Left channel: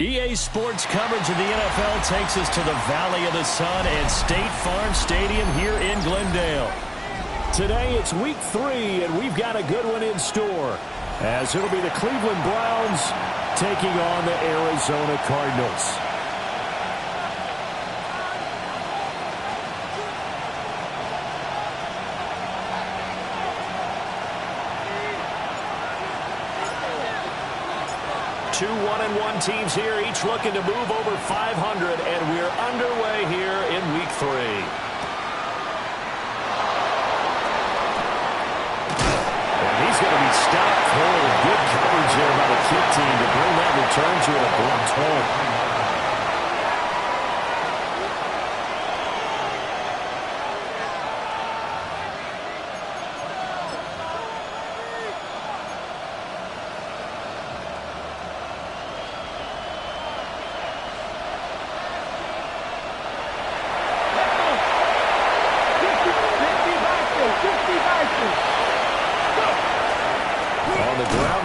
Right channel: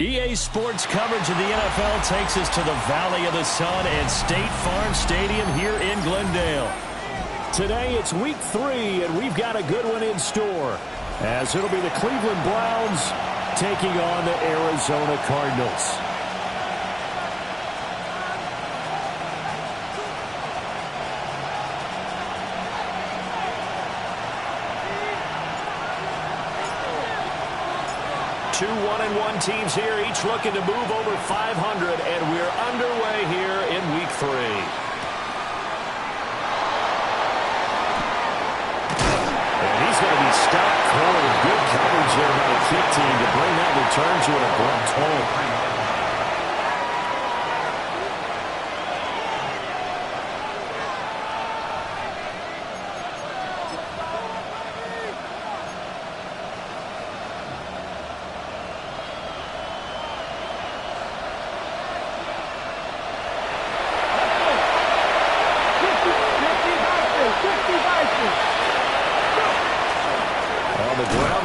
EA Sports coverage of the NFL takes us to the Valley of the Sun and State Farm Stadium here in Glendale. Today it's week 3, and we've got a good one in store, as it'll be the Cleveland Browns taking on the Arizona Cardinals. Two 1-1 teams here, each looking to move over 500, and we're underway here in week 3. And he's going to be stopped cold. Good coverage there by the kick team to bring that return to an abrupt halt.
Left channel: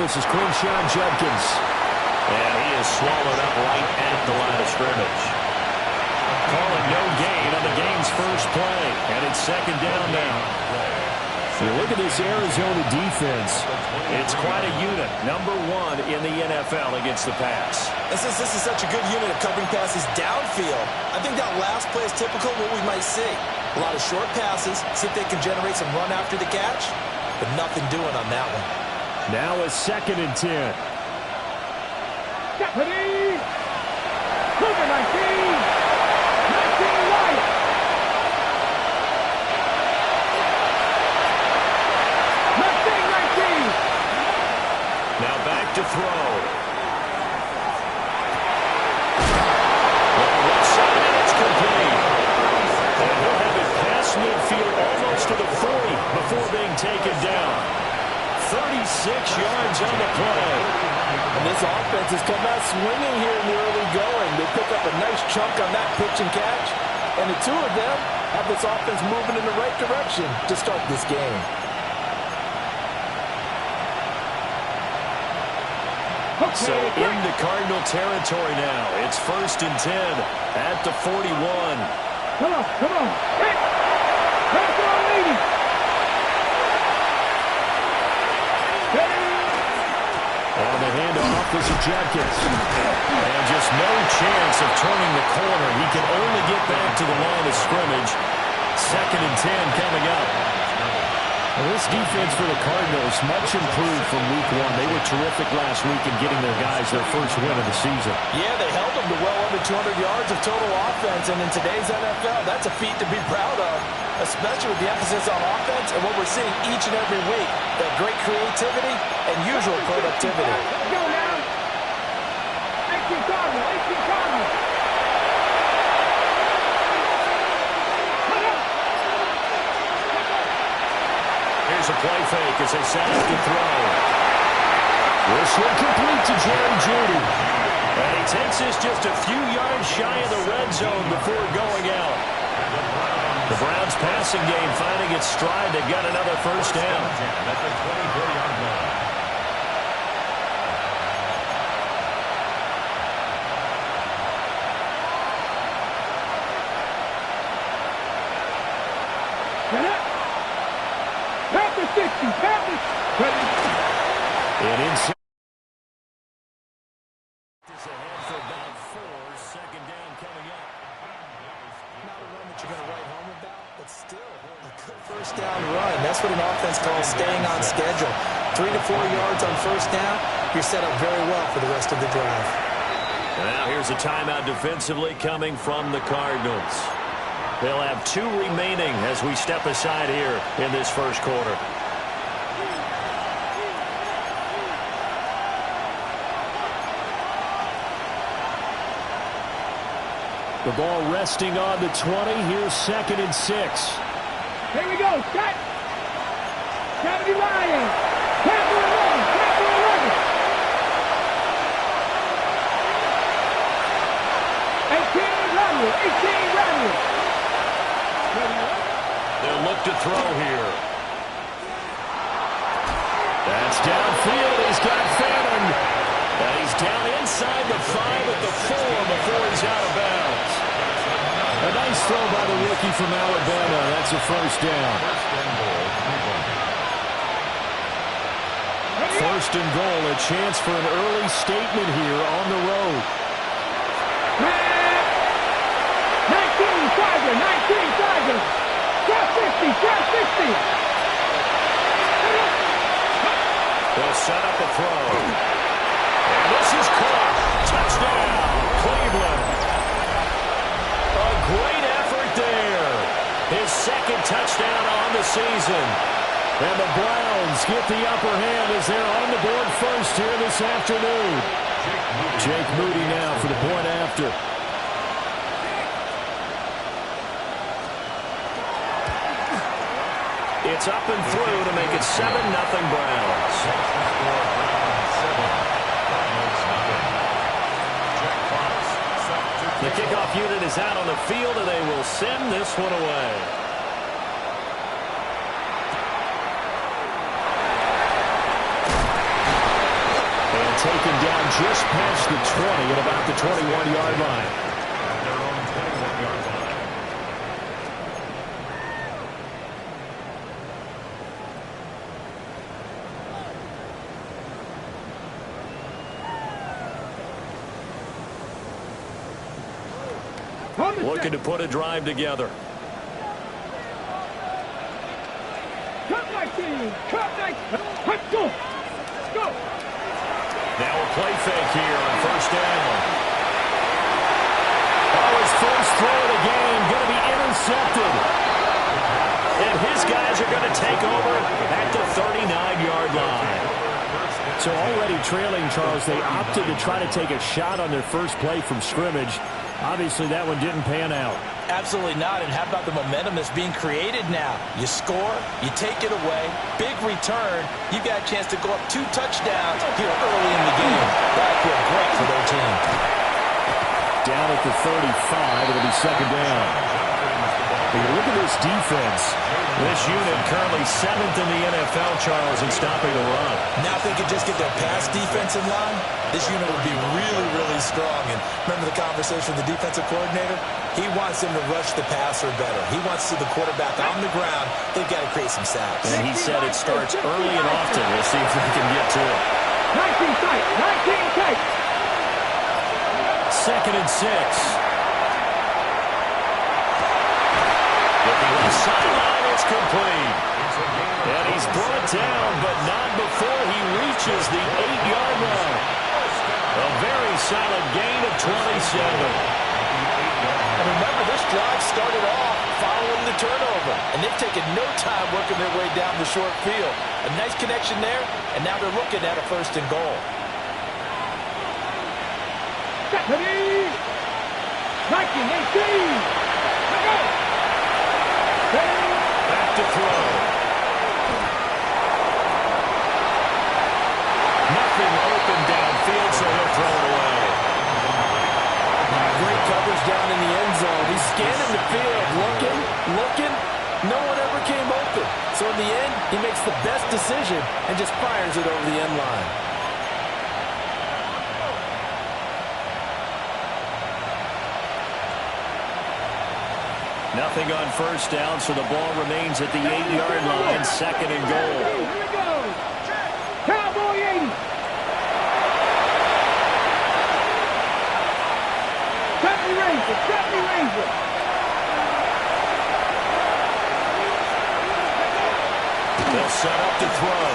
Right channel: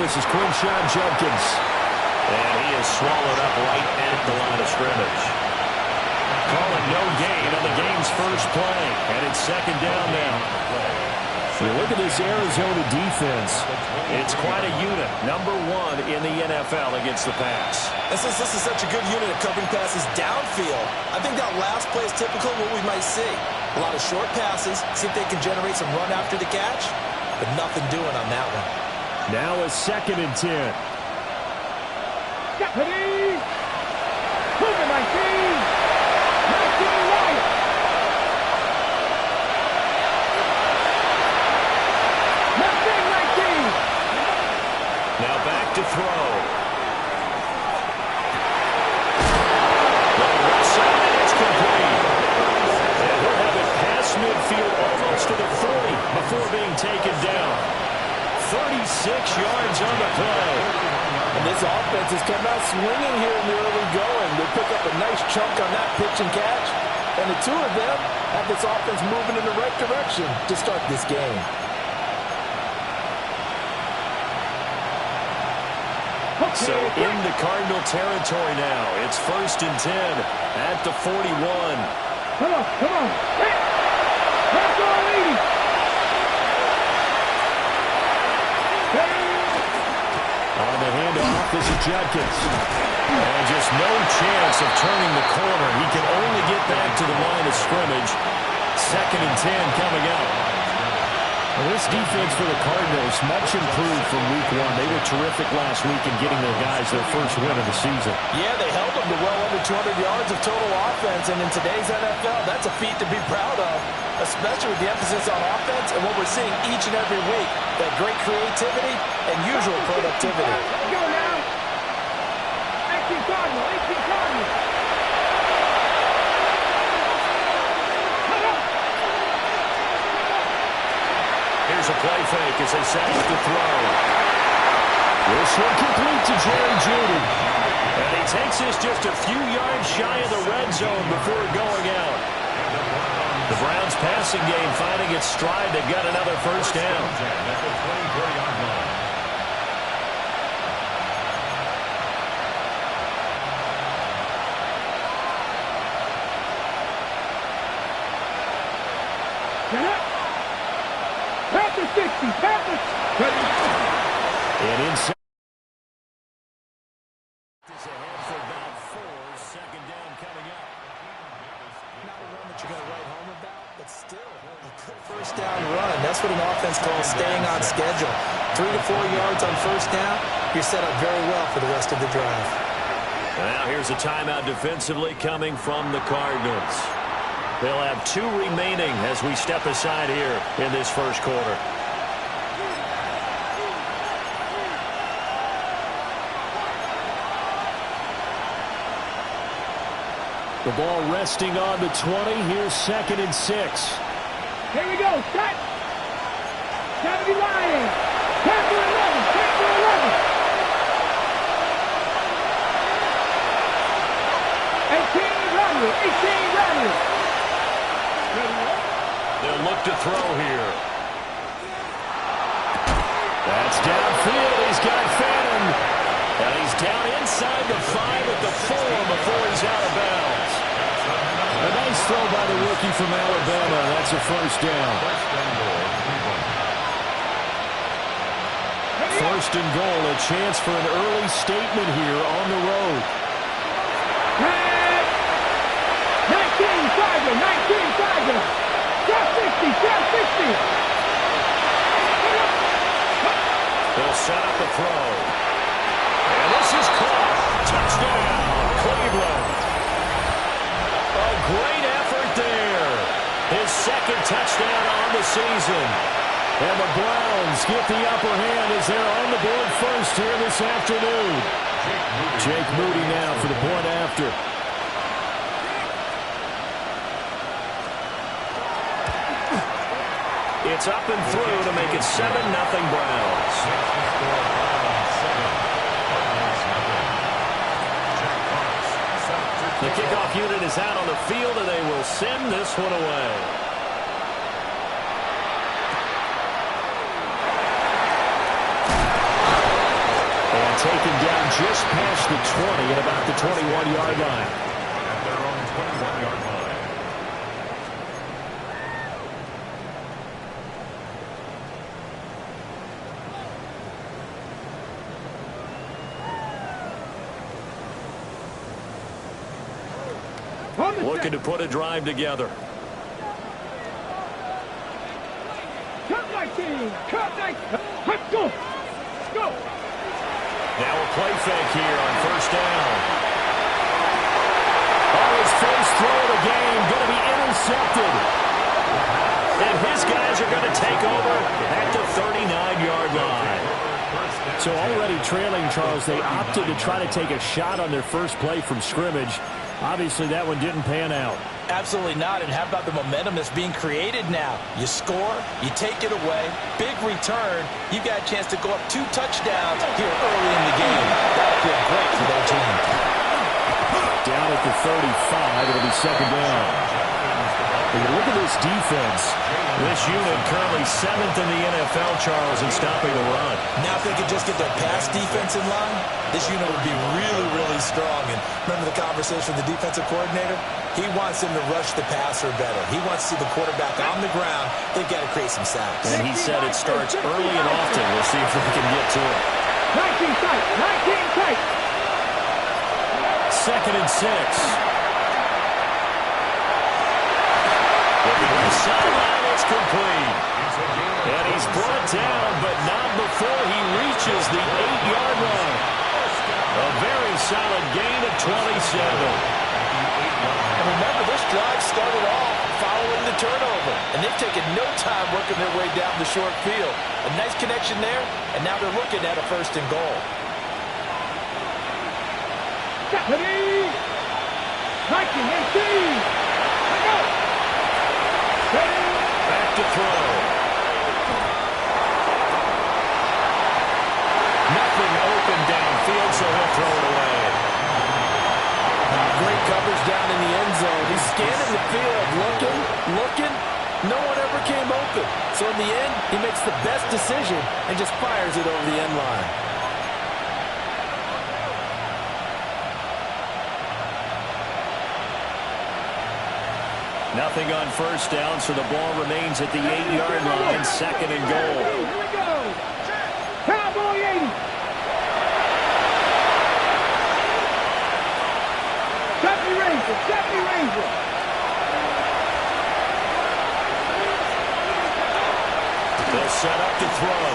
This is Quinshawn Judkins, and he is swallowed up right at the line of scrimmage. Calling no gain on the game's first play, and it's second down now. You look at this Arizona defense. It's quite a unit, number 1 in the NFL against the pass. And since this is such a good unit of covering passes downfield, I think that last play is typical of what we might see. A lot of short passes, see if they can generate some run after the catch, but nothing doing on that one. Now a 2nd and 10. Deputy! Cougar 19! 19 Wyatt! Mustang 19! Now back to throw. Looking left side, and it's complete. And he'll have it past midfield almost to the 40 before being taken down. 36 yards on the play. And this offense has come out swinging here in the early going. They pick up a nice chunk on that pitch and catch. And the two of them have this offense moving in the right direction to start this game. So into Cardinal territory now. It's 1st and 10 at the 41. Come on, come on. Hey! Pass on, lady! On the handoff, this is Judkins. And just no chance of turning the corner. He can only get back to the line of scrimmage. 2nd and 10 coming up. Well, this defense for the Cardinals, much improved from week 1. They were terrific last week in getting their guys their first win of the season. Yeah, they held them to well under 200 yards of total offense. And in today's NFL, that's a feat to be proud of, especially with the emphasis on offense and what we're seeing each and every week. That great creativity and usual productivity. Let's go now. 18 Cardinal, 18 Cardinal. Here's a play fake as they set up the throw. This one complete to Jerry Jeudy. And he takes this just a few yards shy of the red zone before going out. The Browns passing game finding its stride. They've got another first down. At the 24-yard line. Get up. Panther 60. Panther. And inside. Is ahead for about 4. 2nd down coming up. Not a run that you're going to write home about, but still a good first down run. That's what an offense calls staying on schedule. 3 to 4 yards on first down. You're set up very well for the rest of the drive. Now here's a timeout defensively coming from the Cardinals. They'll have 2 remaining as we step aside here in this first quarter. The ball resting on the 20. Here's 2nd and 6. Here we go. Shot. Kennedy Ryan. Panther 11. Panther 11. 18 Randall. 18 Randall. They'll look to throw here. That's downfield. He's got Fannin. And he's down inside the 5 at the 4 before he's out of bounds. A nice throw by the rookie from Alabama. That's a first down. First and goal, a chance for an early statement here on the road. 19 Tigers, 19 Tigers. Drop 60, drop 60. They'll set up a throw. And this is caught. Touchdown, Cleveland. A great effort there. His second touchdown on the season. And the Browns get the upper hand as they're on the board first here this afternoon. Jake Moody now for the point after. It's up and through to make it 7-0 Browns. The kickoff unit is out on the field, and they will send this one away. And taken down just past the 20 at about the 21-yard line. At their own 21-yard line. Looking to put a drive together. Cut 19, cut 19. Let's go. Let's go. Now a play fake here on first down. Oh, his first throw of the game going to be intercepted. And his guys are going to take over at the 39-yard line. So already trailing, Charles, they opted to try to take a shot on their first play from scrimmage. Obviously, that one didn't pan out. Absolutely not. And how about the momentum that's being created now? You score, you take it away, big return. You've got a chance to go up 2 touchdowns here early in the game. That'll feel great for their team. Down at the 35, it'll be second down. Look at this defense. This unit currently 7th in the NFL, Charles, in stopping the run. Now if they could just get their pass defense in line, this unit would be really, really strong. And remember the conversation with the defensive coordinator? He wants them to rush the passer better. He wants to see the quarterback on the ground. They've got to create some sacks. And he said it starts early and often. We'll see if they can get to it. 19 tight, 19 tight. Second and 6. Looking left sideline, it's complete. And he's brought down, but not before he reaches the 8-yard line. A very solid gain of 27. And remember, this drive started off following the turnover. And they've taken no time working their way down the short field. A nice connection there, and now they're looking at a first and goal. 19, 18. Let's go. Back to throw. Nothing open downfield, so he'll throw it away. Great coverage down in the end zone. He's scanning the field, looking. No one ever came open. So in the end, he makes the best decision and just fires it over the end line. Nothing on first down, so the ball remains at the 8-yard line, second and goal. Here we go. Cowboy 80. Stephanie Ranger. They'll set up to throw.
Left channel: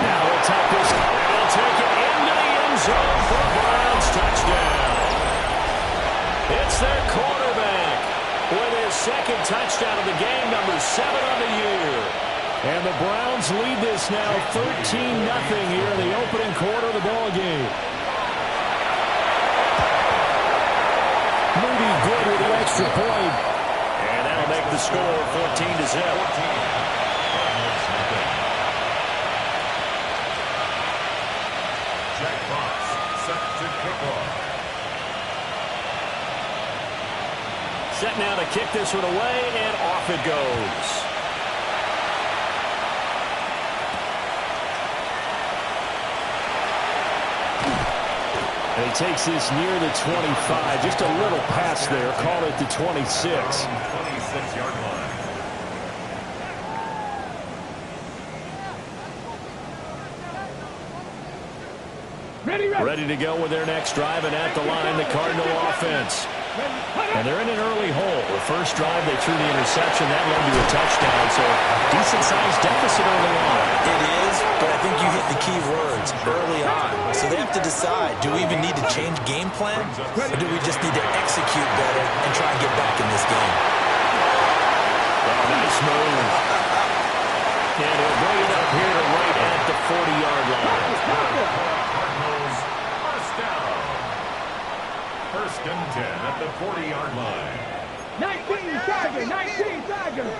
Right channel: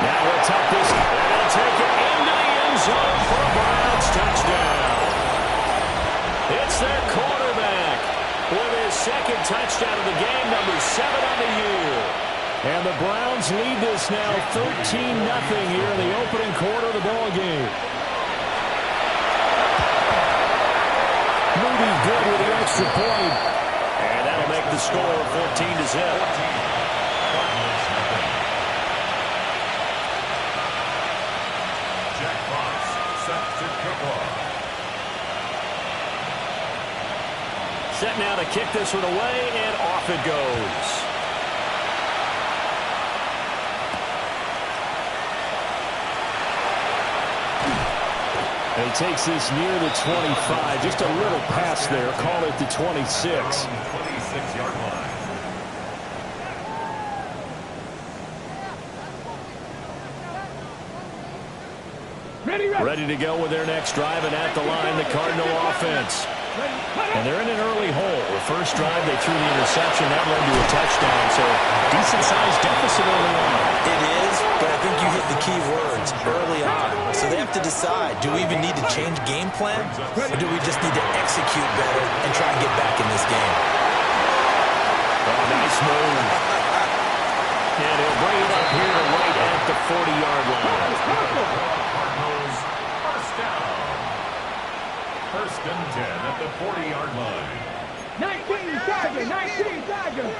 Now he'll tuck this, and he'll take it into the end zone for a Browns touchdown. It's their quarterback with his second touchdown of the game, number 7 on the year. And the Browns lead this now 13-0 here in the opening quarter of the ball game. Moody good with the extra point. And that'll make the score 14-0. Jack Fox set to kick off. Set now to kick this one away, and off it goes. And he takes this near the 25. Just a little pass there. Call it the 26. 26-yard line. Ready to go with their next drive, and at the line, the Cardinal offense. And they're in an early hole. The first drive, they threw the interception. That led to a touchdown, so decent-sized deficit early on. It is, but I think you hit the key words, early on. So they have to decide, do we even need to change game plan, or do we just need to execute better and try and get back in this game? Oh, nice move. And he'll bring it up here to right at the 40-yard line. Cardinals, first down. First and 10 at the 40-yard line. 19 Tiger, 19 Tiger.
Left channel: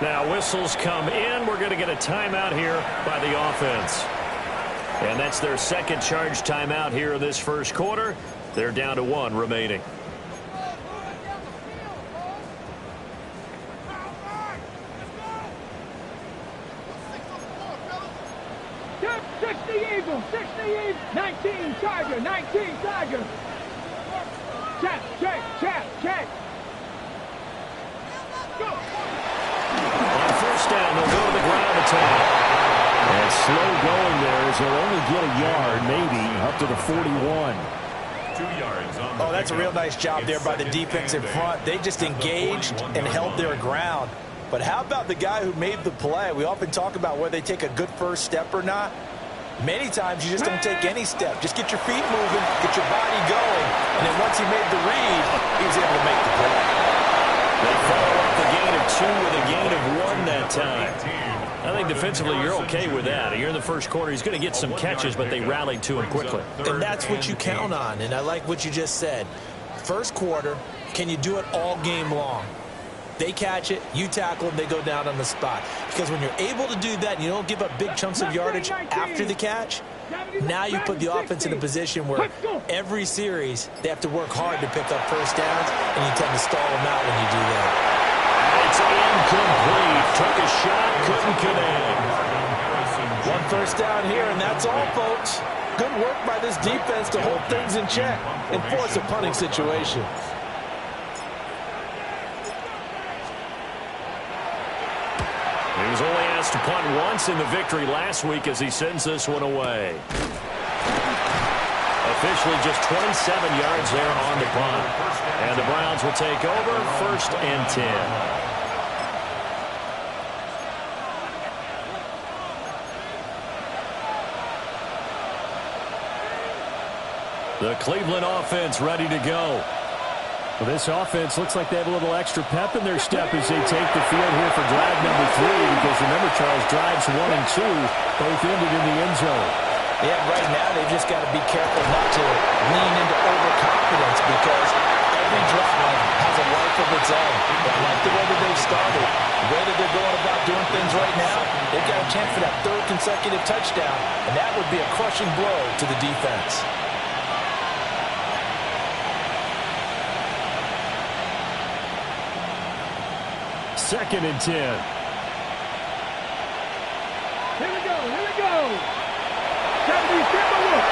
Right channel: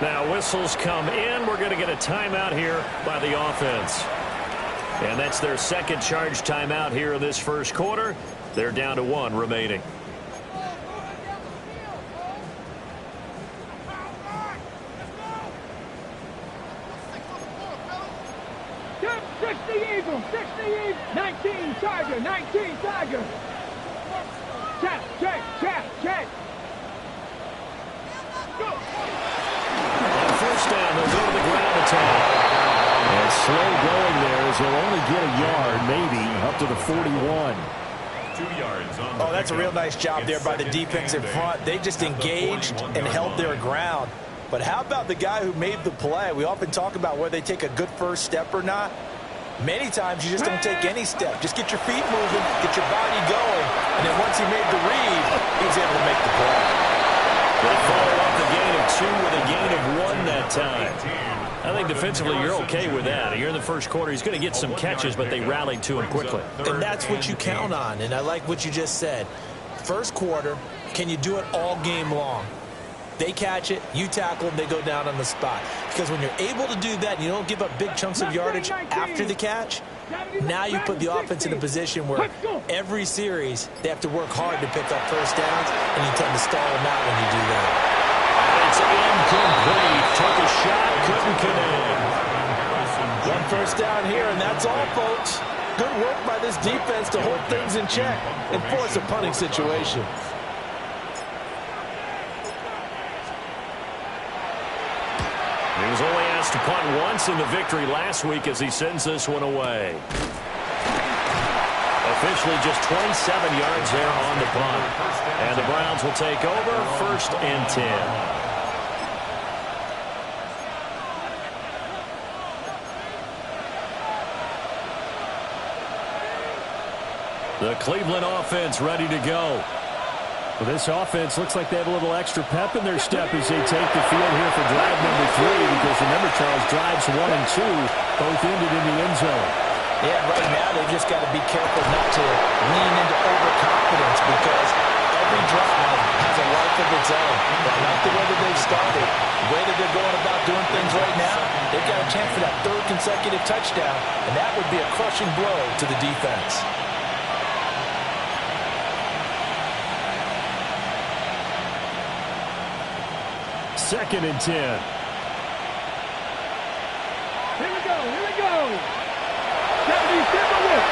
Now whistles come in. We're going to get a timeout here by the offense. And that's their second charge timeout here in this first quarter. They're down to 1 remaining. Eagle, 60 Eagle, 19 Tiger, 19 Tiger. Check. Go. On first down, they'll go to the ground attack. And slow going there as they'll only get a yard, maybe, up to the 41. 2 yards on the Oh, that's a real nice job there by the defense in front. They just engaged and held their ground. But how about the guy who made the play? We often talk about whether they take a good first step or not. Many times you just don't take any step. Just get your feet moving, get your body going, and then once he made the read, he was able to make the play. They follow up the gain of 2 with a gain of 1 that time. I think defensively you're okay with that. You're in the first quarter. He's going to get some catches, but they rallied to him quickly. And that's what you count on, and I like what you just said. First quarter, can you do it all game long? They catch it, you tackle them, they go down on the spot. Because when you're able to do that and you don't give up big chunks of yardage after the catch, now you put the offense in a position where every series they have to work hard to pick up first downs, and you tend to stall them out when you do that. It's incomplete. Took a shot, couldn't connect. 1 first down here, and that's all, folks. Good work by this defense to hold things in check and force a punting situation. He was only asked to punt once in the victory last week as he sends this one away. Officially just 27 yards there on the punt. And the Browns will take over, 1st and 10. The Cleveland offense ready to go. Well, this offense looks like they have a little extra pep in their step as they take the field here for drive number 3, because remember, Charles, drives 1 and 2 both ended in the end zone. Yeah, right now they've just got to be careful not to lean into overconfidence, because every drive has a life of its own. But I like the way that they've started, the way that they're going about doing things right now. They've got a chance for that 3rd consecutive touchdown, and that would be a crushing blow to the defense. Second and 10. Here we go. 70 Timberwolves.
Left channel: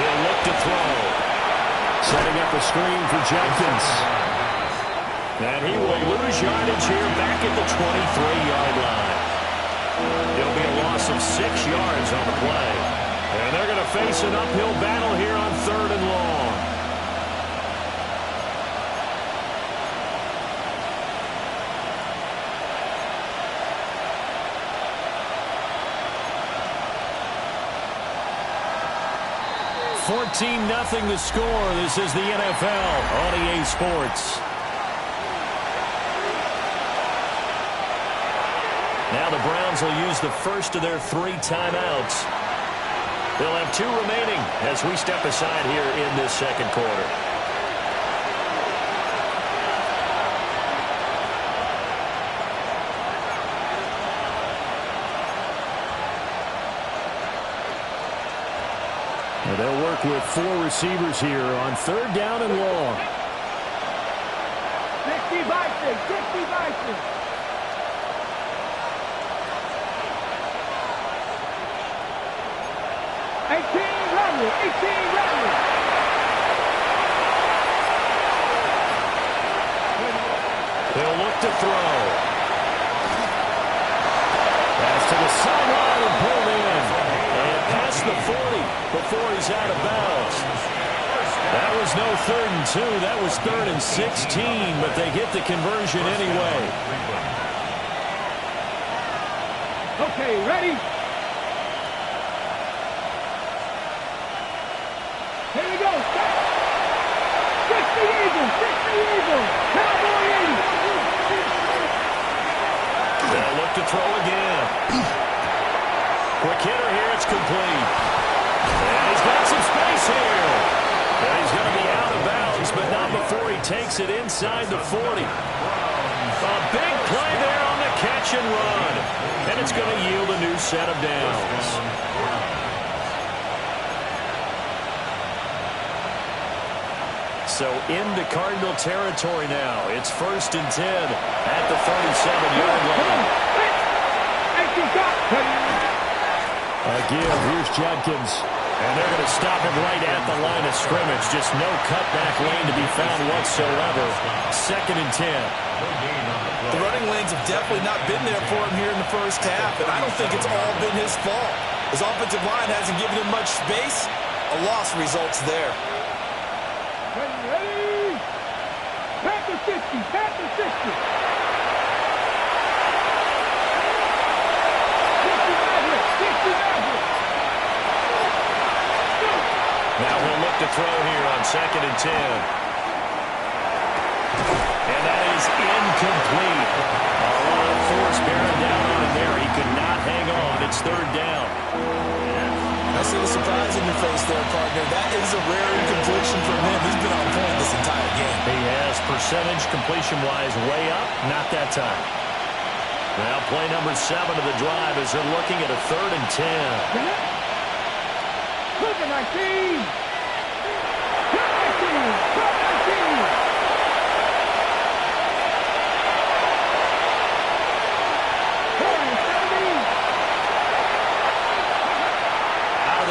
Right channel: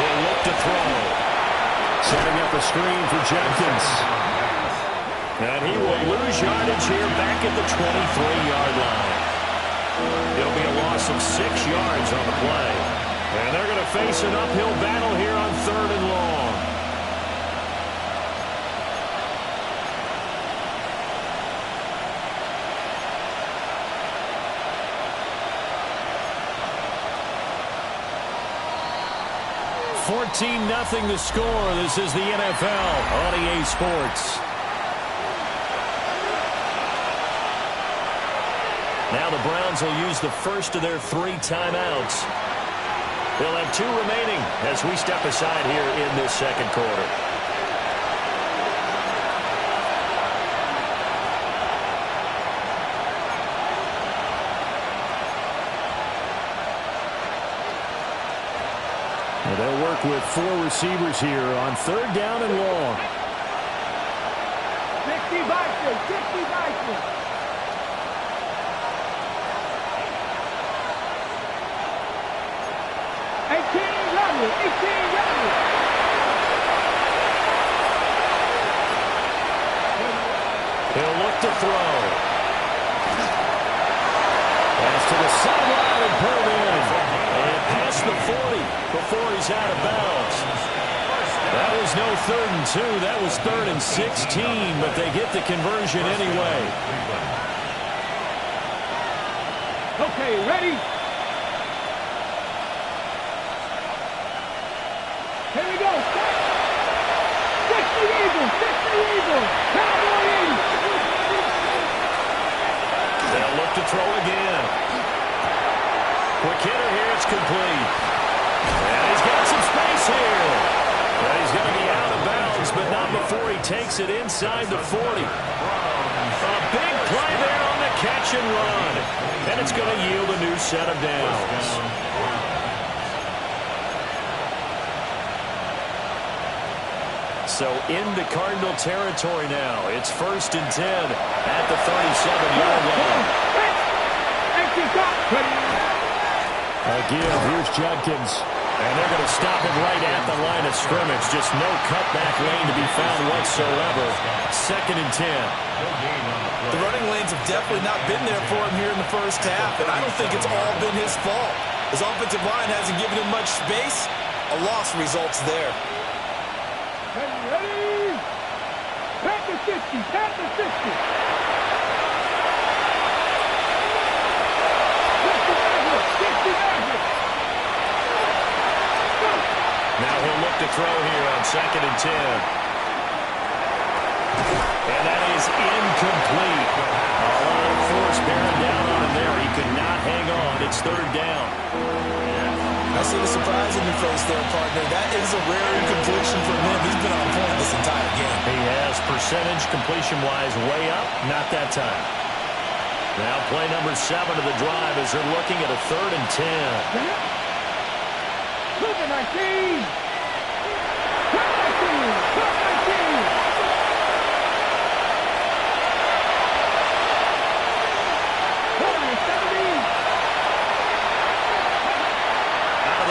He'll look to throw. Setting up a screen for Jenkins. And he will lose yardage here back at the 23-yard line. It'll be a loss of 6 yards on the play. And they're going to face an uphill battle here on 3rd and long. (14-0) the score. This is the NFL on EA Sports. Now the Browns will use the first of their 3 timeouts. They'll have 2 remaining as we step aside here in this second quarter. Now they'll work with 4 receivers here on 3rd down and long. 60 by 6. 60 by 6. He'll look to throw. Pass to the sideline and pulled in. And past the 40 before he's out of bounds. That was no 3rd and 2. That was 3rd and 16, but they get the conversion anyway. Okay, ready? Here we go. 60 Eagles. 60 Eagles. Cowboy 80. They'll look to throw again. Quick hitter here. It's complete. And he's got some space here. And he's going to be out of bounds, but not before he takes it inside the 40. A big play there on the catch and run. And it's going to yield a new set of downs. So into Cardinal territory now. It's 1st and 10 at the 37-yard line. Again, here's Judkins. And they're going to stop him right at the line of scrimmage. Just no cutback lane to be found whatsoever. 2nd and 10. The running lanes have definitely not been there for him here in the first half, and I don't think it's all been his fault. His offensive line hasn't given him much space. A loss results there. Ready? Back to 60. Back to 60. 60 Maverick. 60 Maverick. Now he'll look to throw here on 2nd and 10. And that is incomplete. A lot of force bearing down on him there. He could not hang on. It's 3rd down. I see the surprise in your face there, partner. That is a rare incompletion from him. He's been on point this entire game. He has percentage completion-wise way up. Not that time. Now play number 7 of the drive as they're looking at a 3rd and 10. Look at 19. Cut 19. Cut 19.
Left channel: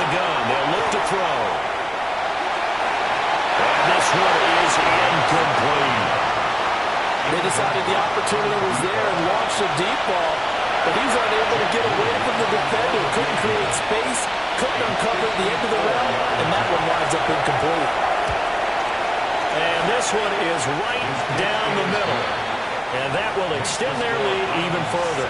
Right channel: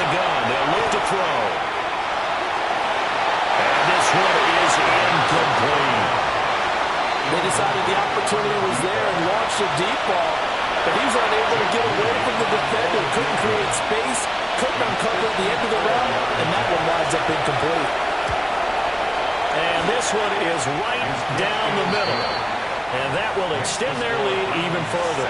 Gun. They'll look to throw. And this one is incomplete. They decided the opportunity was there and launched a deep ball, but he's unable to get away from the defender. Couldn't create space, couldn't uncover at the end of the route, and that one winds up incomplete. And this one is right down the middle. And that will extend their lead even further.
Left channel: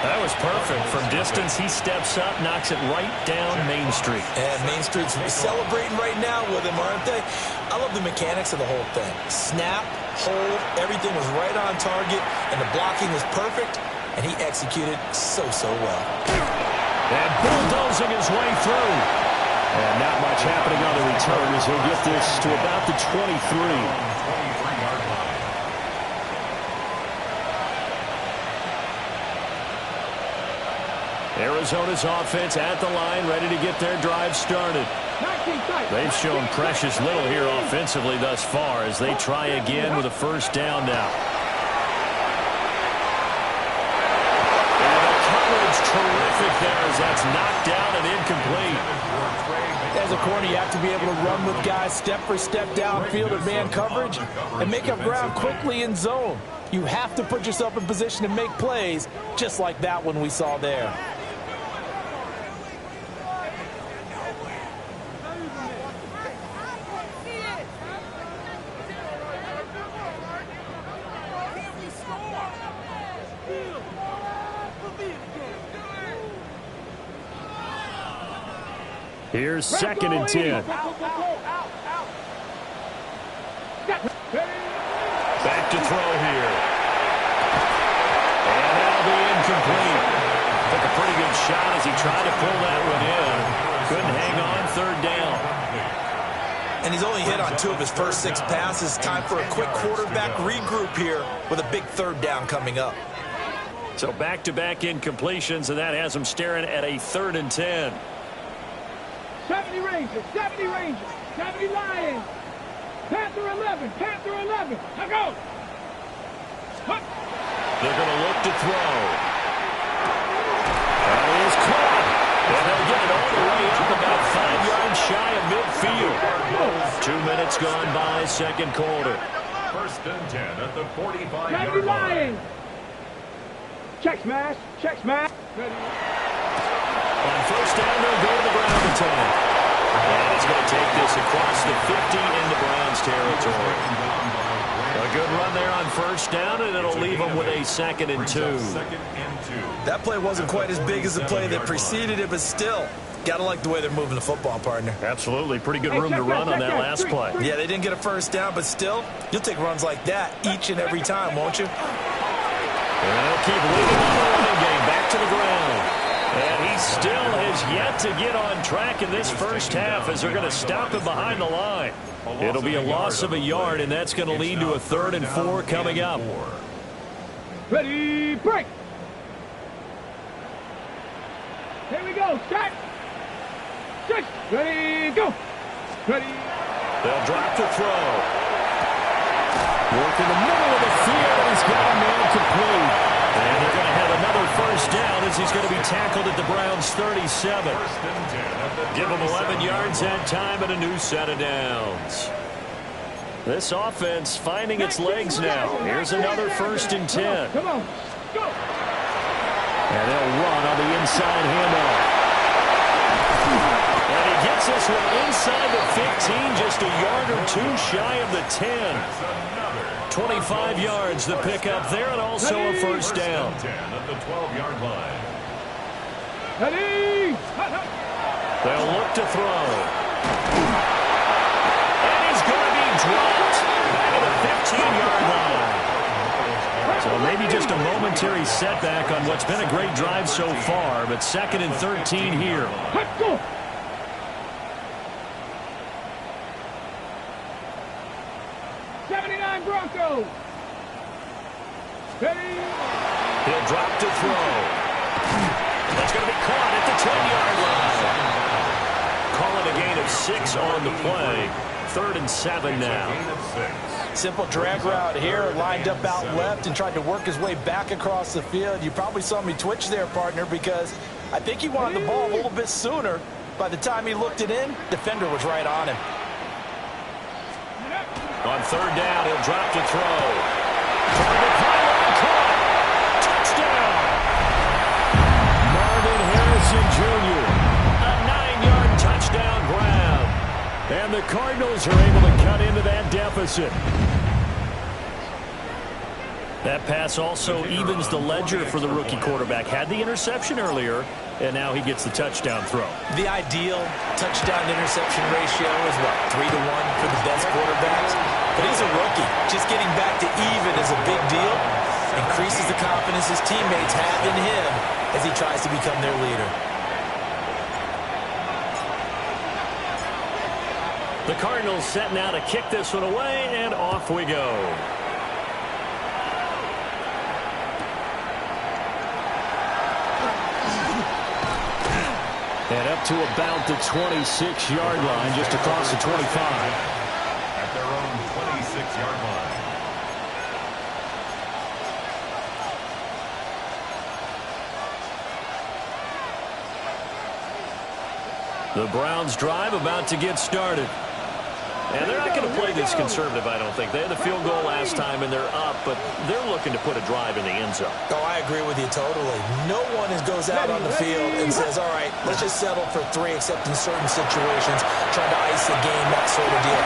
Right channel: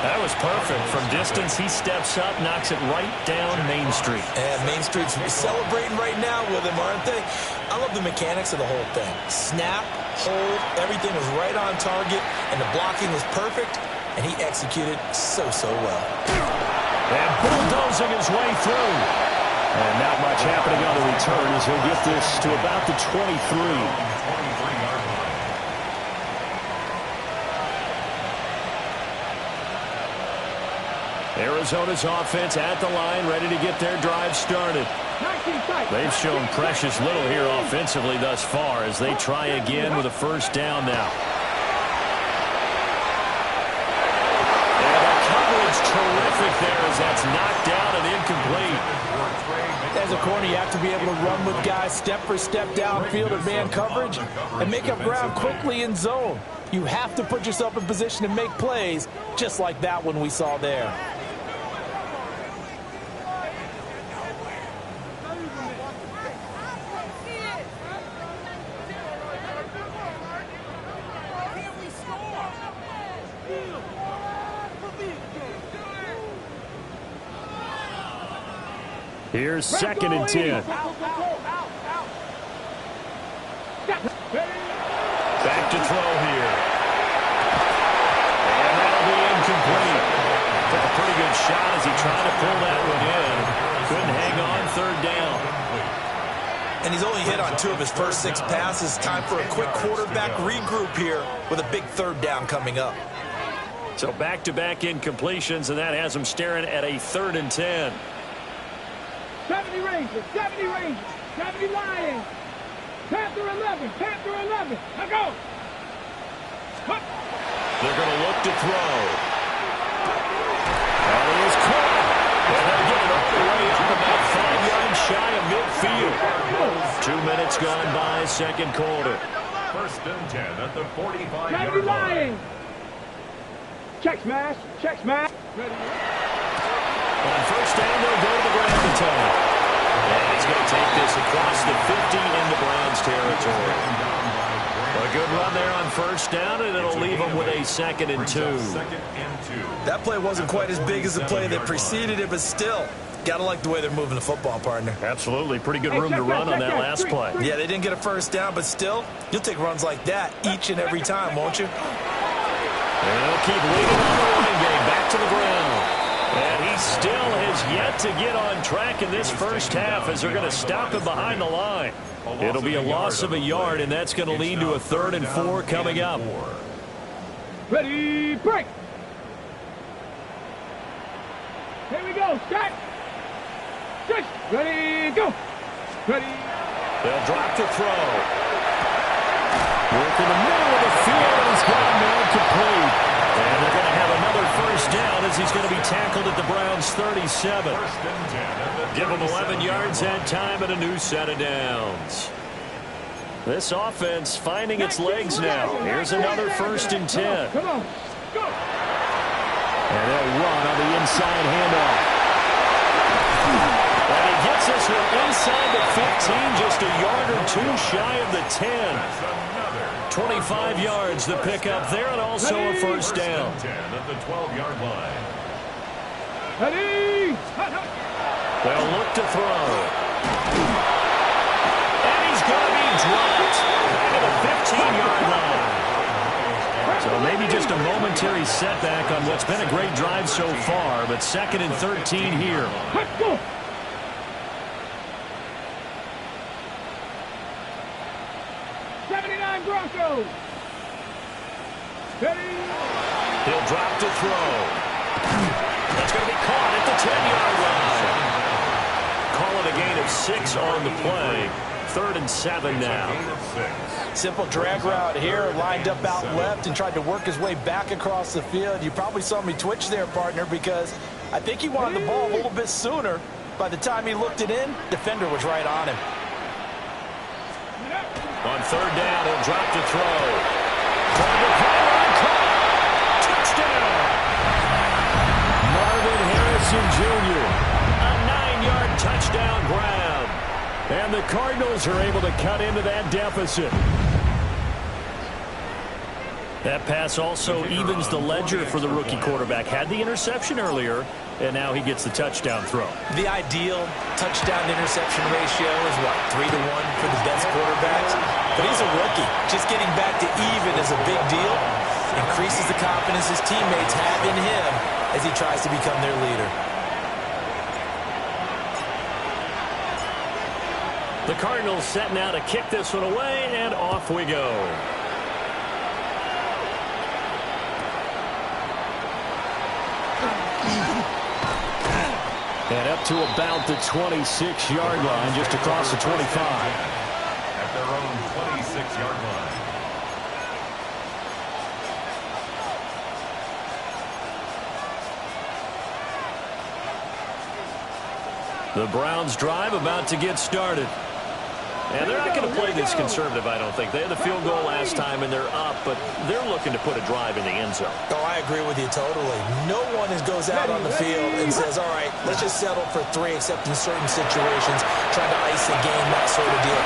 That was perfect. From distance, he steps up, knocks it right down Main Street. And Main Street's celebrating right now with him, aren't they? I love the mechanics of the whole thing. Snap, hold, everything was right on target, and the blocking was perfect, and he executed so well. And bulldozing his way through. And not much happening on the return as he'll get this to about the 23. 23-yard line. Arizona's offense at the line, ready to get their drive started. They've shown precious little here offensively thus far as they try again with a 1st down now. And the coverage terrific there as that's knocked down and incomplete. As a corner, you have to be able to run with guys step for step downfield in man coverage and make up ground quickly in zone. You have to put yourself in position to make plays just like that one we saw there. Here's 2nd and 10. Back to throw here. And that'll be incomplete. Took a pretty good shot as he tried to pull that one in. Couldn't hang on. 3rd down. And he's only hit on 2 of his first 6 passes. Time for a quick quarterback regroup here with a big 3rd down coming up. So back-to-back incompletions, and that has him staring at a 3rd and 10. 70 Rangers, 70 Rangers, 70 Lions. Panther 11, Panther 11. Now go. They're going to look to throw. And he is caught. And they'll get it all the way up about 5 yards shy of midfield. 2 minutes gone by, second quarter. First and 10 at the 45-yard Gotta be line. lying. Check smash. Check smash. Ready. On first down, they'll go to the ground attack. And he's going to take this across the 50 into Browns territory. A good run there on first down, and it'll leave them with a 2nd and 2. That play wasn't quite as big as the play that preceded it, but still, gotta like the way they're moving the football, partner. Absolutely. Pretty good room to run on that last play. Yeah, they didn't get a first down, but still, you'll take runs like that each and every time, won't you? And they'll keep leading on the running game. Back to the ground. And he still has yet to get on track in this first half as they're going to stop him behind the line. It'll be a loss of a yard, and that's going to lead to a 3rd and 4 coming up. Ready, break. Here we go. Set. Six. Ready, go. Ready. They'll drop to throw. Work in the middle of the field, and he's got a man complete. And they're going to have another first down as he's going to be tackled at the Browns' 37. Give him 11 yards that time and a new set of downs. This offense finding its legs now. Here's another 1st and 10. Come on. Go. And they'll run on the inside handoff. And he gets this one inside the 15, just a yard or two shy of the 10. 25 yards the pickup there, and also a first down. 10 at the 12-yard line. Ready. They'll look to throw. And he's going to be dropped back at the 15-yard line. So maybe just a momentary setback on what's been a great drive so far, but 2nd and 13 here. Let's go. Broncos. Ready. He'll drop to throw. That's going to be caught at the 10-yard line. Call it a gain of 6 on the play. 3rd and 7 now. Simple drag route here, lined up out left and tried to work his way back across the field. You probably saw me twitch there, partner, because I think he wanted the ball a little bit sooner. By the time he looked it in, defender was right on him. On 3rd down, he'll drop to throw. Target pylon caught. Touchdown. Marvin Harrison Jr. A 9-yard touchdown grab. And the Cardinals are able to cut into that deficit. That pass also evens the ledger for the rookie quarterback. Had the interception earlier, and now he gets the touchdown throw. The ideal touchdown-interception ratio is, what, 3-1 for the best quarterbacks? But he's a rookie. Just getting back to even is a big deal. Increases the confidence his teammates have in him as he tries to become their leader. The Cardinals setting out to kick this one away, and off we go. And up to about the 26-yard line, just across the 25. At their own 26-yard line. The Browns drive about to get started. And they're not going to play this conservative, I don't think. They had the field goal last time, and they're up, but they're looking to put a drive in the end zone. Oh, I agree with you totally. No one goes out on the field and says, all right, let's just settle for 3, except in certain situations, trying to ice the game, that sort of deal.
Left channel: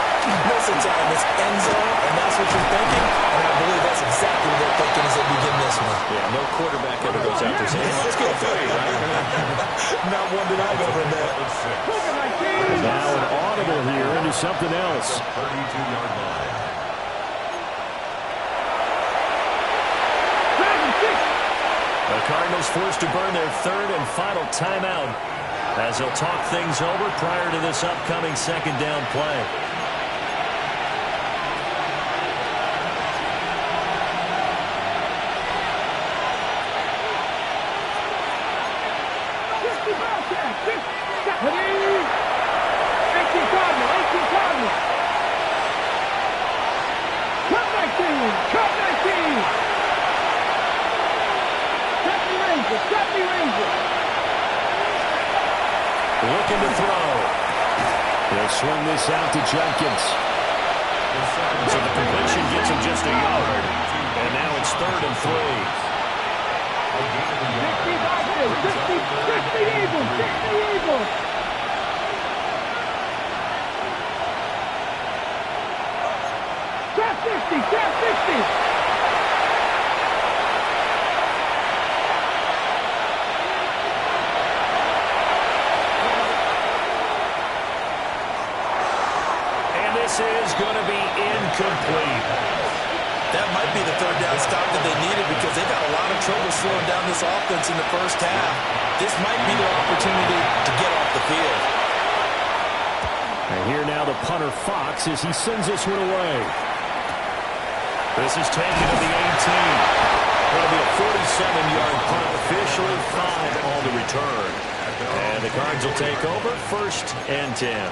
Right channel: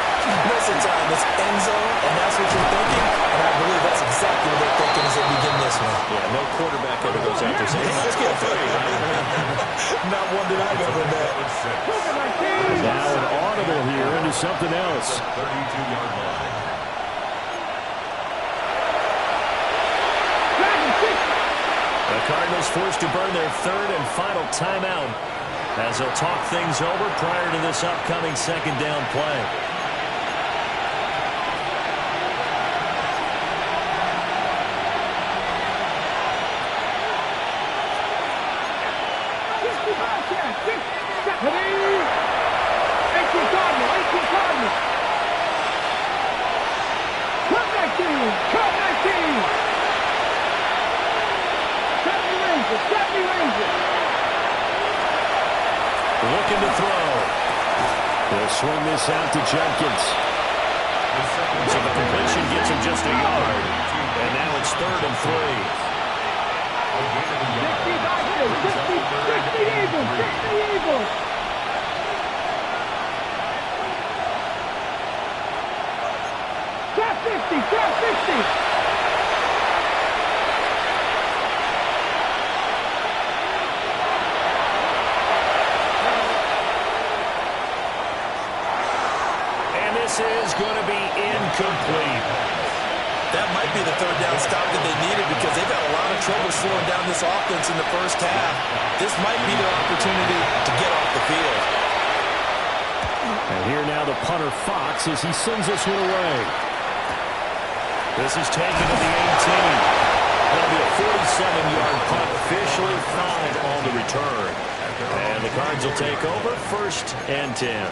Most of the time, it's end zone, and that's what you're thinking, and I believe that's exactly what they're thinking as they begin this one. Yeah, no quarterback ever goes out there saying, hey, let's get 3, right? Not one that I've ever met. Now an audible here into something else. 32-yard line. The Cardinals forced to burn their 3rd and final timeout as they'll talk things over prior to this upcoming 2nd down play. 70 Rangers. Looking to throw. They'll swing this out to Judkins. So the completion gets him just a yard. And now it's 3rd and 3. 60 Vikings. 60 Eagles. 60 Eagles. Trap 60. Trap 60. This is going to be incomplete. That might be the 3rd down stop that they needed because they've had a lot of trouble slowing down this offense in the first half. This might be their opportunity to get off the field. And here now the punter Fox as he sends this one away. This is taken to the 18. That'll be a 47-yard punt, officially 5 on the return. And the Cards will take over 1st and 10.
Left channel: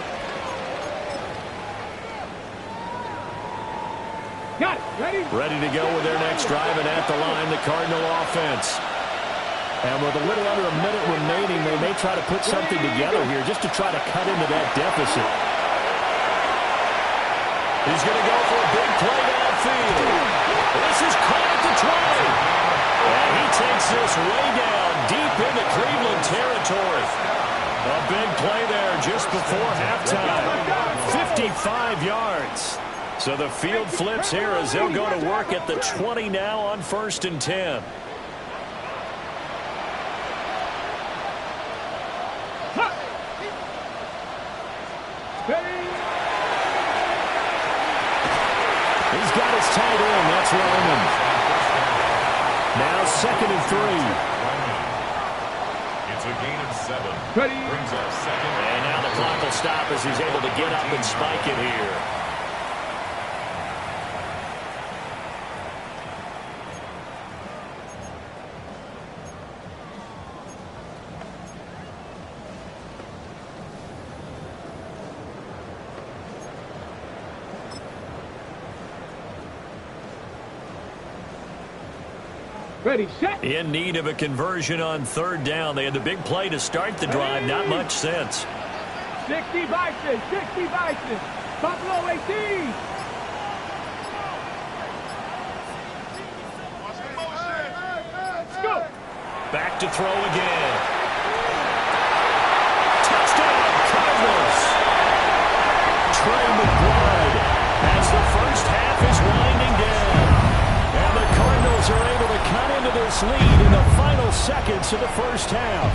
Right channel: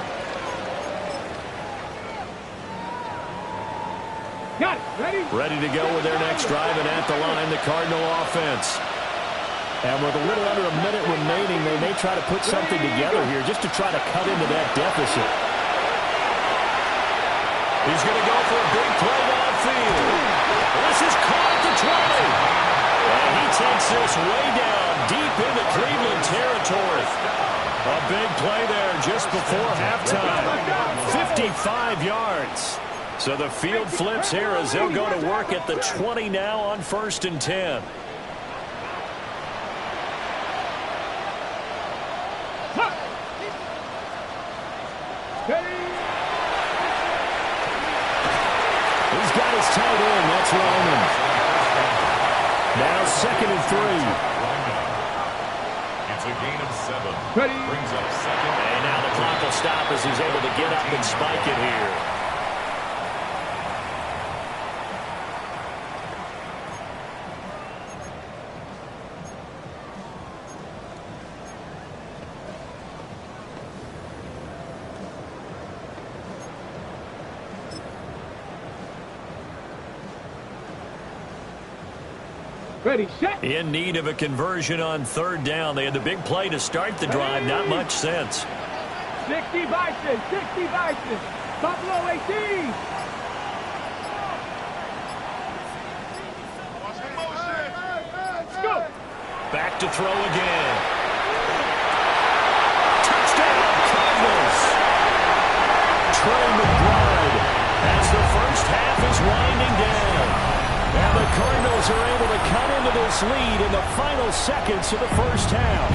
Got it. Ready? Ready to go with their next drive, and at the line, the Cardinal offense. And with a little under a minute remaining, they may try to put something together here just to try to cut into that deficit. He's going to go for a big play downfield. This is caught at the 20. And he takes this way down deep into Cleveland territory. A big play there just before halftime. 55 yards. So the field flips here as they'll go to work at the 20 now on 1st and 10. He's got his tight end. That's Roman. Now 2nd and 3. It's a gain of 7. Ready. Brings up 2nd. And now the clock will stop as he's able to get up and spike it here. Ready, set. In need of a conversion on 3rd down. They had the big play to start the drive. Not much sense. 60 Bison. 60 Bison. Buffalo 18. Let's go. Back to throw again. Touchdown, Cardinals. Trey McBride as the first half is winding down. And the Cardinals are able to cut into this lead in the final seconds of the first half.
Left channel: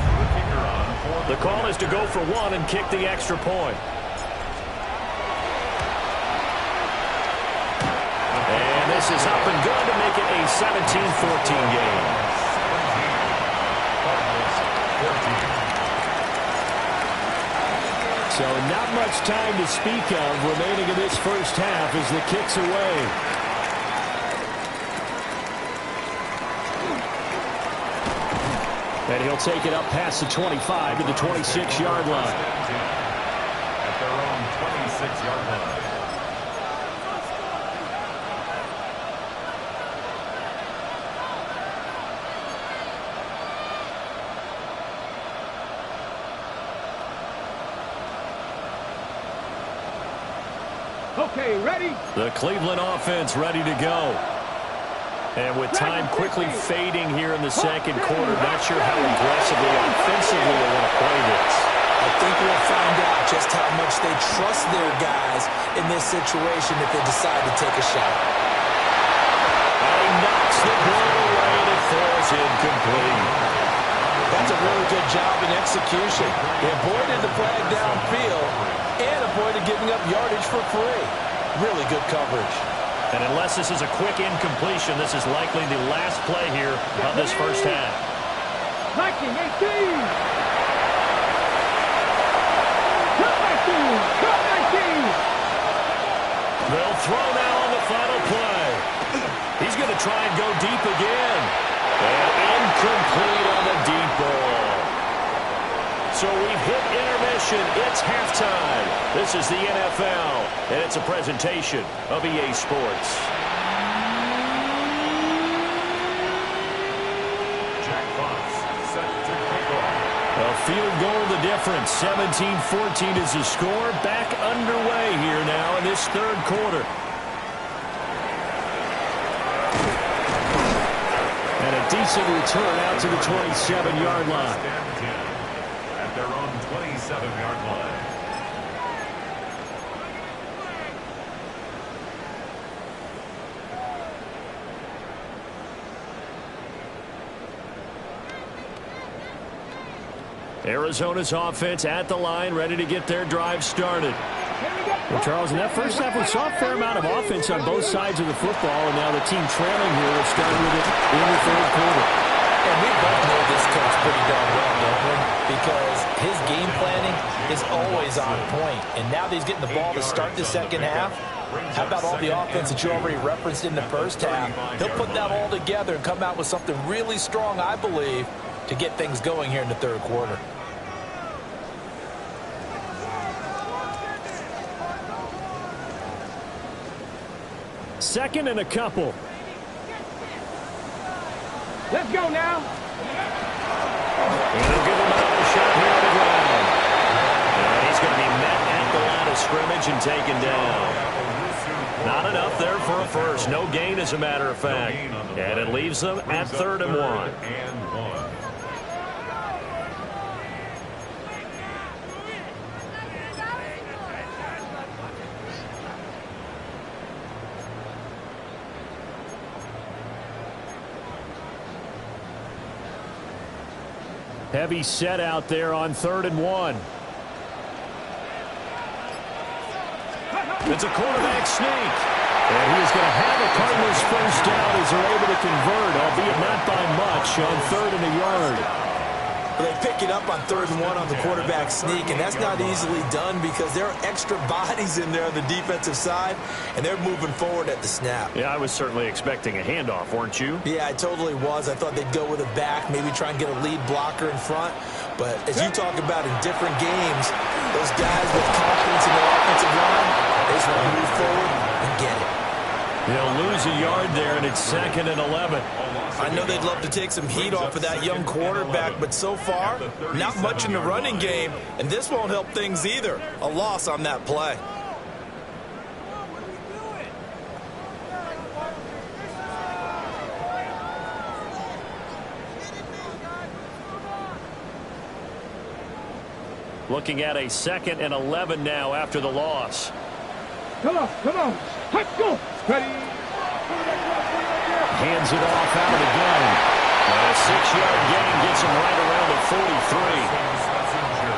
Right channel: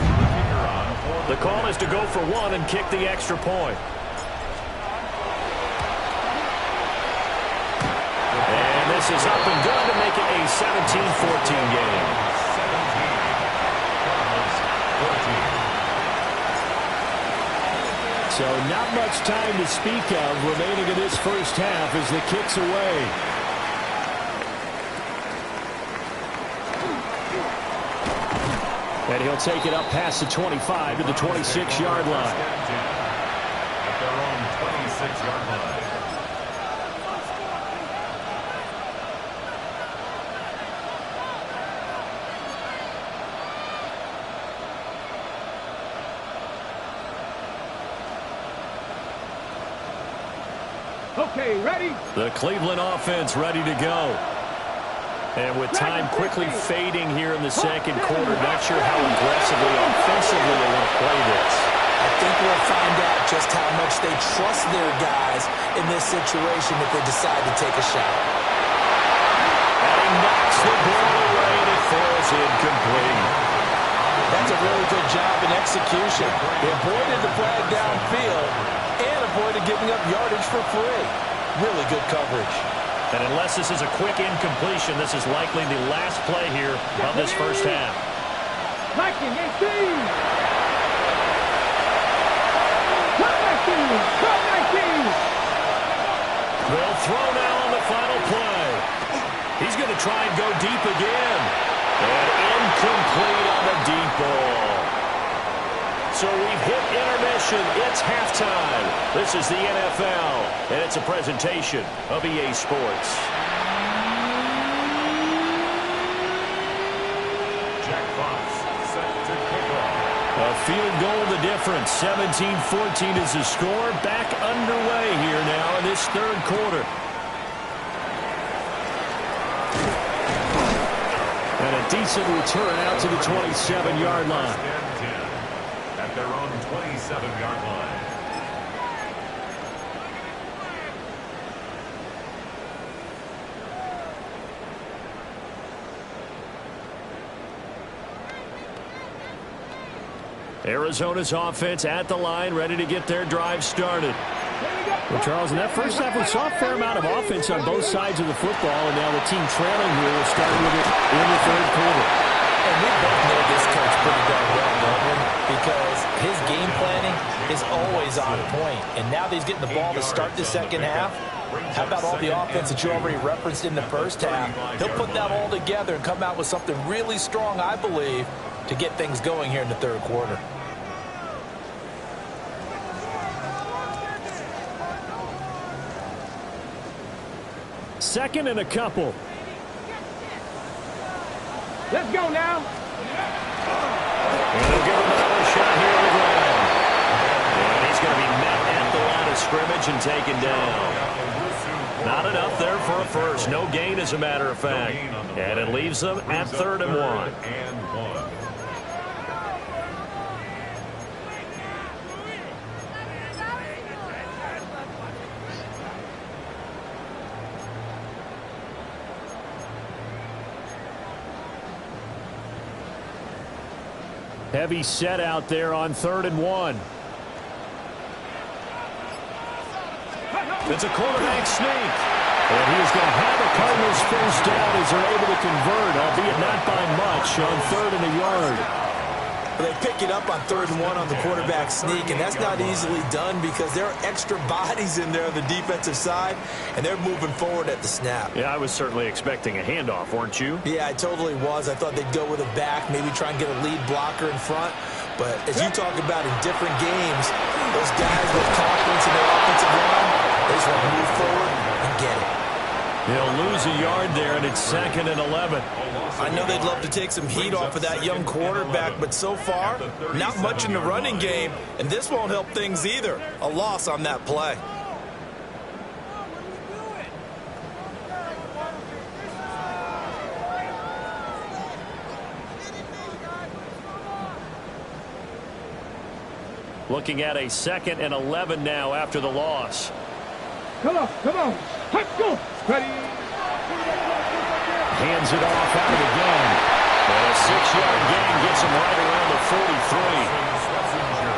The call is to go for 1 and kick the extra point. And this is up and good to make it a 17-14 game. 17, Cardinals 14. So not much time to speak of remaining in this first half as the kick's away. And he'll take it up past the 25 to the 26-yard line. At their own 26-yard line. Okay, ready? The Cleveland offense ready to go. And with time quickly fading here in the second quarter, not sure how aggressively, offensively they want to play this. I think we'll find out just how much they trust their guys in this situation if they decide to take a shot. And he knocks the ball away, and it falls incomplete. That's a really good job in execution. They avoided the flag downfield and avoided giving up yardage for free. Really good coverage. And unless this is a quick incompletion, this is likely the last play here of this first half. Viking 18. Cut 19. Cut 19. They'll throw now on the final play. He's going to try and go deep again. And incomplete on the deep ball. So we've hit intermission. It's halftime. This is the NFL, and it's a presentation of EA Sports. Jack Fox, A field goal the difference. 17-14 is the score. Back underway here now in this third quarter. And a decent return out to the 27-yard line. At their own 27-yard line. Arizona's offense at the line, ready to get their drive started. Well, Charles, in that first half, we saw a fair amount of offense on both sides of the football, and now the team trailing here will start with it in the third quarter. And we both know this coach pretty darn well, don't we? Because his game planning is always on point. And now that he's getting the ball to start the second half, how about all the offense that you already referenced in the first half? He'll put that all together and come out with something really strong, I believe, to get things going here in the third quarter. Second and a couple. Let's go now. And he'll give him another shot here on the ground. And he's going to be met at the line of scrimmage and taken down. Not enough there for a first. No gain, as a matter of fact. And it leaves them at 3rd and 1. Heavy set out there on 3rd and 1. It's a quarterback sneak. And he is going to have a Cardinals first down as they're able to convert, albeit not by much, on 3rd and a yard. They pick it up on 3rd and 1 on the quarterback sneak, and that's not easily done because there are extra bodies in there on the defensive side, and they're moving forward at the snap. Yeah, I was certainly expecting a handoff, weren't you? Yeah, I totally was. I thought they'd go with a back, maybe try and get a lead blocker in front. But as you talk about in different games, those guys with confidence in their offensive line, they just want to move forward and get it. He'll lose a yard there, and it's 2nd and 11. I know they'd love to take some heat off of that young quarterback, but so far, not much in the running game, and this won't help things either. A loss on that play. Looking at a 2nd and 11 now after the loss. Come on, come on. Let's go. Ready. Hands it off out of the gun. And a 6-yard gain gets him right around the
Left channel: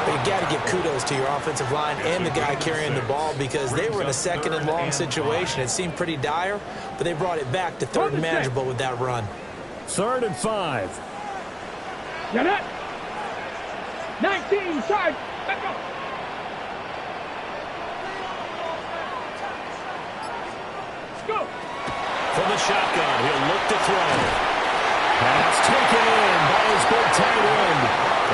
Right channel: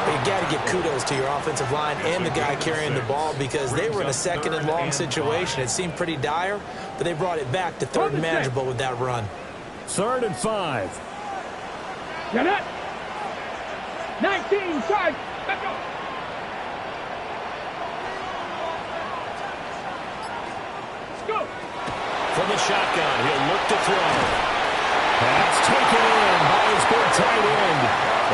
43. You got to give kudos to your offensive line and the guy carrying the ball because they were in a 2nd and long situation. It seemed pretty dire, but they brought it back to 3rd and manageable with that run. 3rd and 5. Get it. 19, side. Let's go. Go. From the shotgun, he'll look to throw. Pass taken in by his big tight end.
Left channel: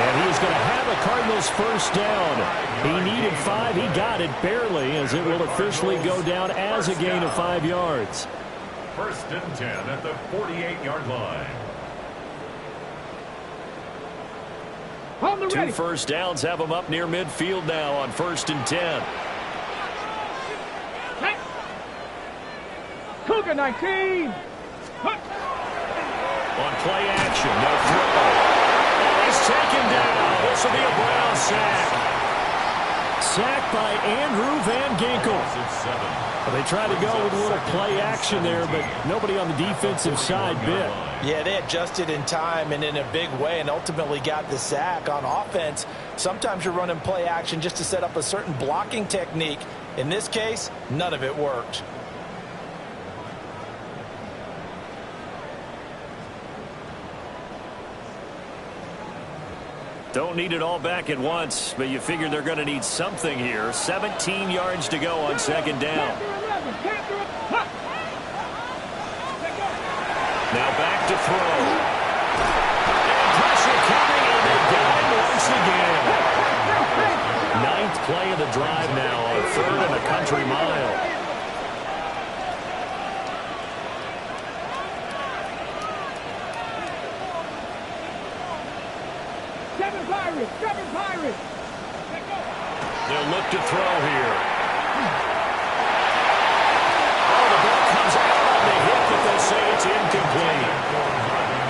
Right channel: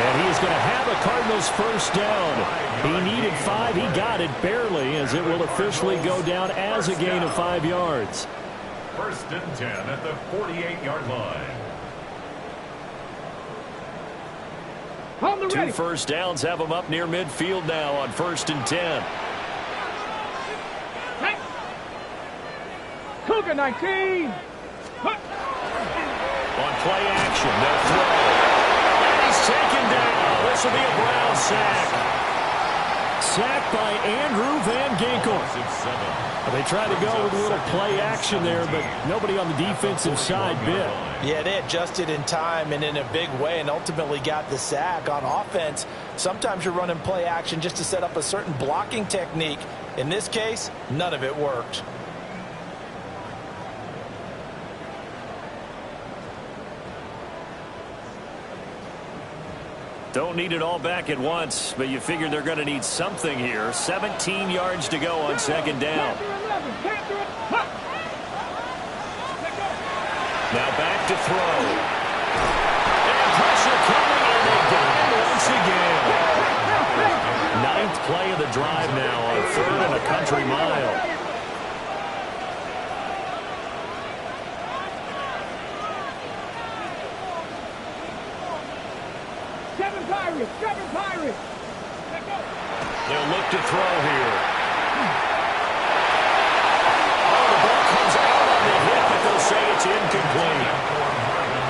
And he's going to have a Cardinals first down. He needed 5. He got it barely, as it will officially go down as a gain of 5 yards. 1st and 10 at the 48-yard line. 2 first downs have him up near midfield now on 1st and 10. Cougar 19. On play action, no throw. And he's taken down. This will be a Brown sack. Sacked by Andrew Van Ginkel. They tried to go with a little play action there, but nobody on the defensive side bit. Yeah, they adjusted in time and in a big way and ultimately got the sack. On offense, sometimes you're running play action just to set up a certain blocking technique. In this case, none of it worked. Don't need it all back at once, but you figure they're going to need something here. 17 yards to go on 2nd down. Now back to throw. And pressure coming, and they got him once again. 9th play of the drive now on 3rd and a country mile. Pirates, go! Pirates. Let go. They'll look to throw here. Oh, the ball comes out on the hit, but they'll say it's incomplete.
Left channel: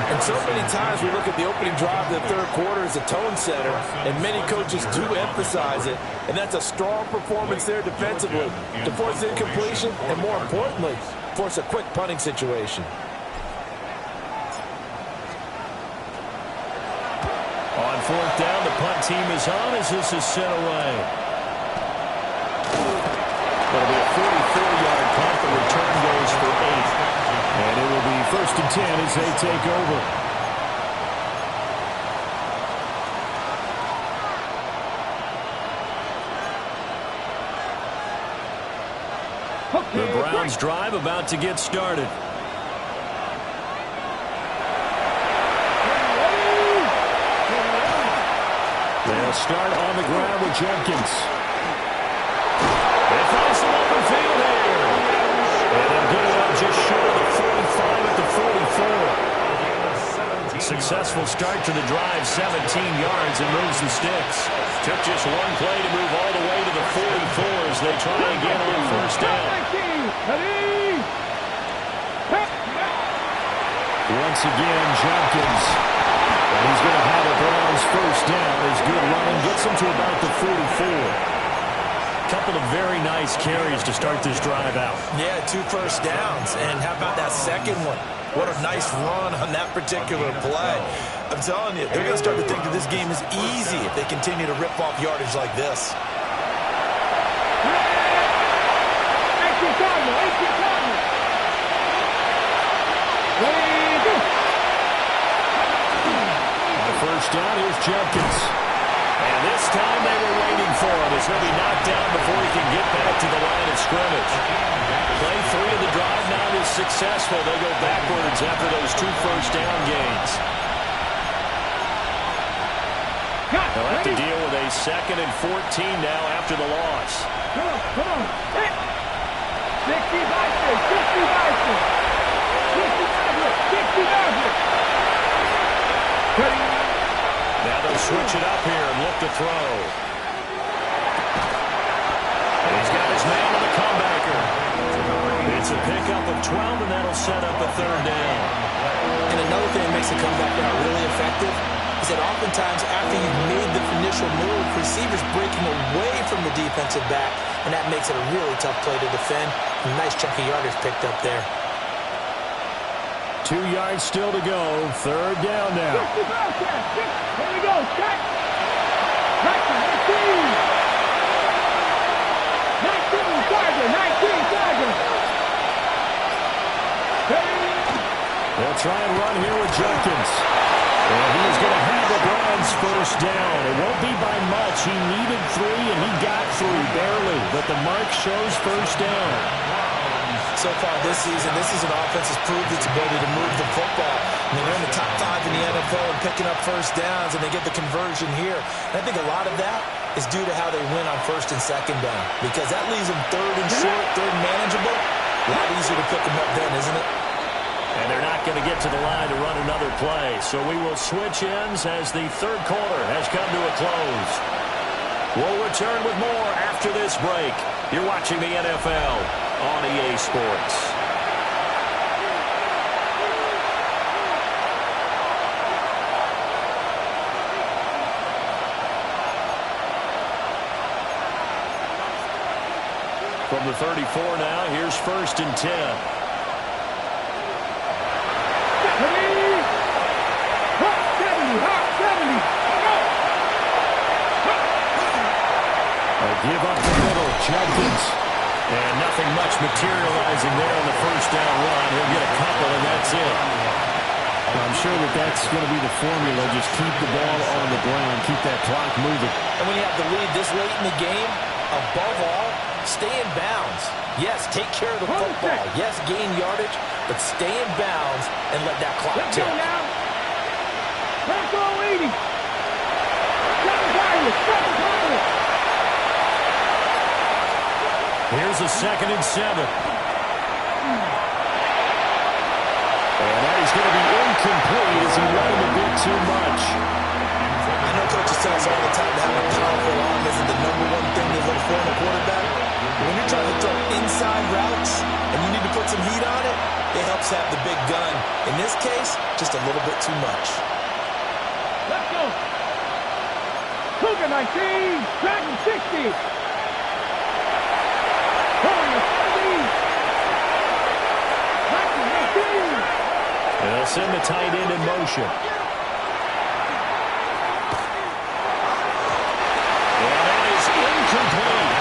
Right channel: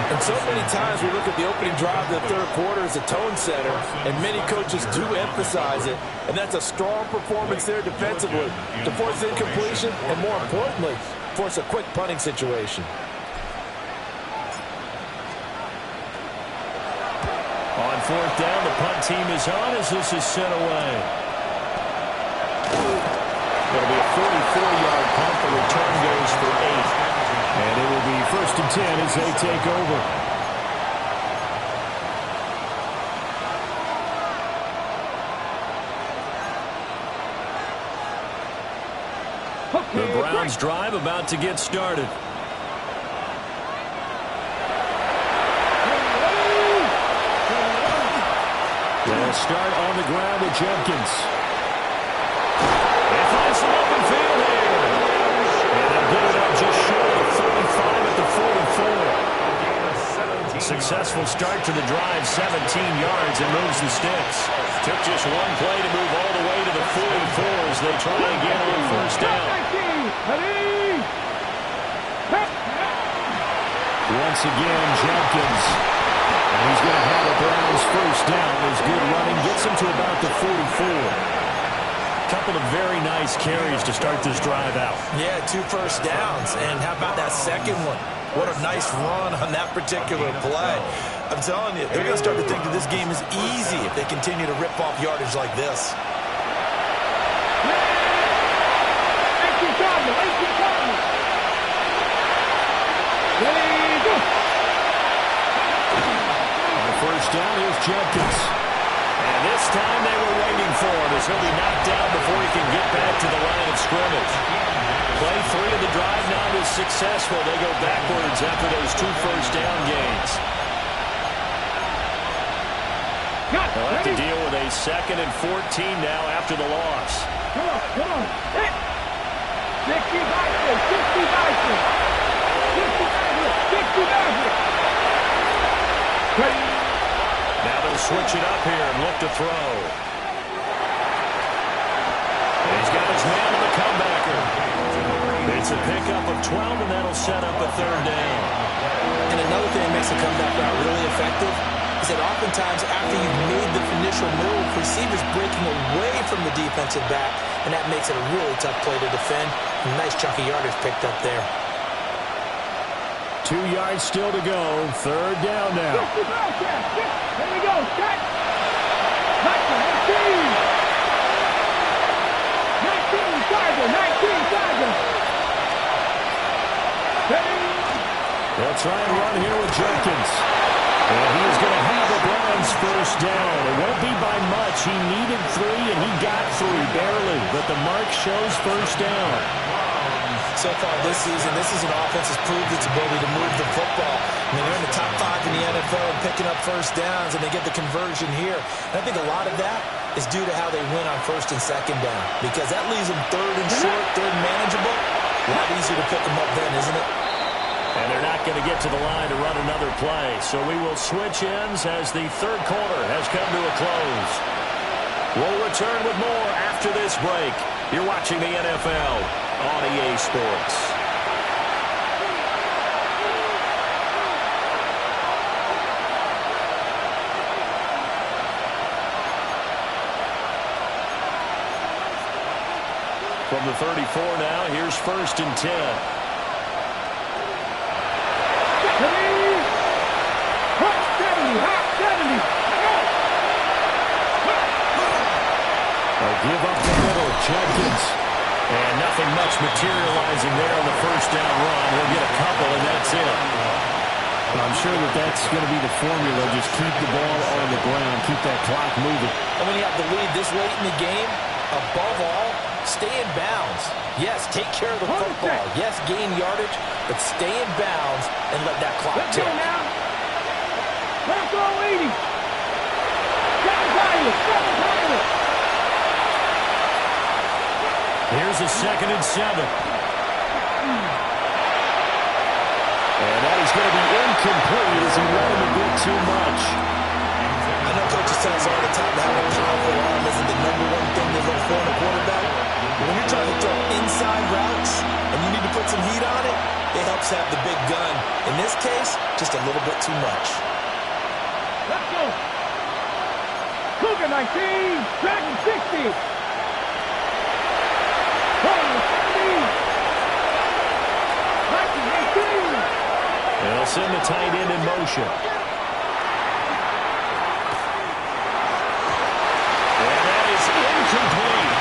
And so many times we look at the opening drive of the third quarter as a tone setter, and many coaches do emphasize it. And that's a strong performance there defensively to force incompletion and, more importantly, force a quick punting situation. On fourth down, the punt team is on as this is sent away. It'll be a 44-yard punt. The return goes for 8. And it will be 1st and 10 as they take over. The Browns drive about to get started. They'll start on the ground with Jenkins. They find some open field here. And they'll get it up just short of the 45 at the 44. Successful start to the drive, 17 yards, and moves the sticks. Took just one play to move all the way to the 44 as they try again on first down. Once again, Jenkins. And he's going to have a Browns first down. His good running gets him to about the 44. Couple of very nice carries to start this drive out. Yeah, 2 first downs. And how about that second one? What a nice run on that particular play. I'm telling you, they're going to start to think that this game is easy if they continue to rip off yardage like this. On first down, here's Jenkins. And this time they were waiting for him as he'll be knocked down before he can get back to the line of scrimmage. Play 3 of the drive not as successful. They go backwards after those 2 first down gains. They'll have to deal with a 2nd and 14 now after the loss. Come on. 60 Vikings. 60 Vikings. 60 Vikings. Ready. Now they'll switch it up here and look to throw. And he's got his man on the comebacker. It's a pickup of 12, and that'll set up a 3rd down. And another thing that makes the comeback route really effective is that oftentimes after you've made the initial move, receivers breaking away from the defensive back, and that makes it a really tough play to defend. A nice chunk of yardage picked up there. 2 yards still to go. 3rd down now. Here we go. Cut. 19 Tiger. They'll try and run here with Jenkins. And he is going to have the Browns first down. It won't be by much. He needed 3, and he got 3, barely. But the mark shows first down. So far this season, this is an offense that's proved its ability to move the football. I mean, they're in the top 5 in the NFL and picking up first downs, and they get the conversion here. And I think a lot of that is due to how they win on 1st and 2nd down, because that leaves them 3rd and short, 3rd and manageable. A lot easier to pick them up then, isn't it? And they're not going to get to the line to run another play. So we will switch ends as the 3rd quarter has come to a close. We'll return with more after this break. You're watching the NFL on EA Sports. From the 34 now, here's 1st and 10. A give up the middle, Jenkins. And nothing much materializing there on the first down run. He'll get a couple, and that's it. I'm sure that's going to be the formula. Just keep the ball on the ground. Keep that clock moving. And when you have the lead this late in the game, above all, stay in bounds. Yes, take care of the football. Yes, gain yardage, but stay in bounds and let that clock tick. Let's go now. Let's go, 80. 7 Pirates. Here's a 2nd and 7. And that is going to be incomplete as he led him a bit too much. I know coaches tell us all the time that having a powerful arm isn't the #1 thing they look for in a quarterback. But when you're trying to throw inside routes and you need to put some heat on it, it helps have the big gun. In this case, just a little bit too much. Let's go. Cougar 19, Dragon 60. Warrior 70. 19, 18. They'll send the tight end in motion. And that is incomplete.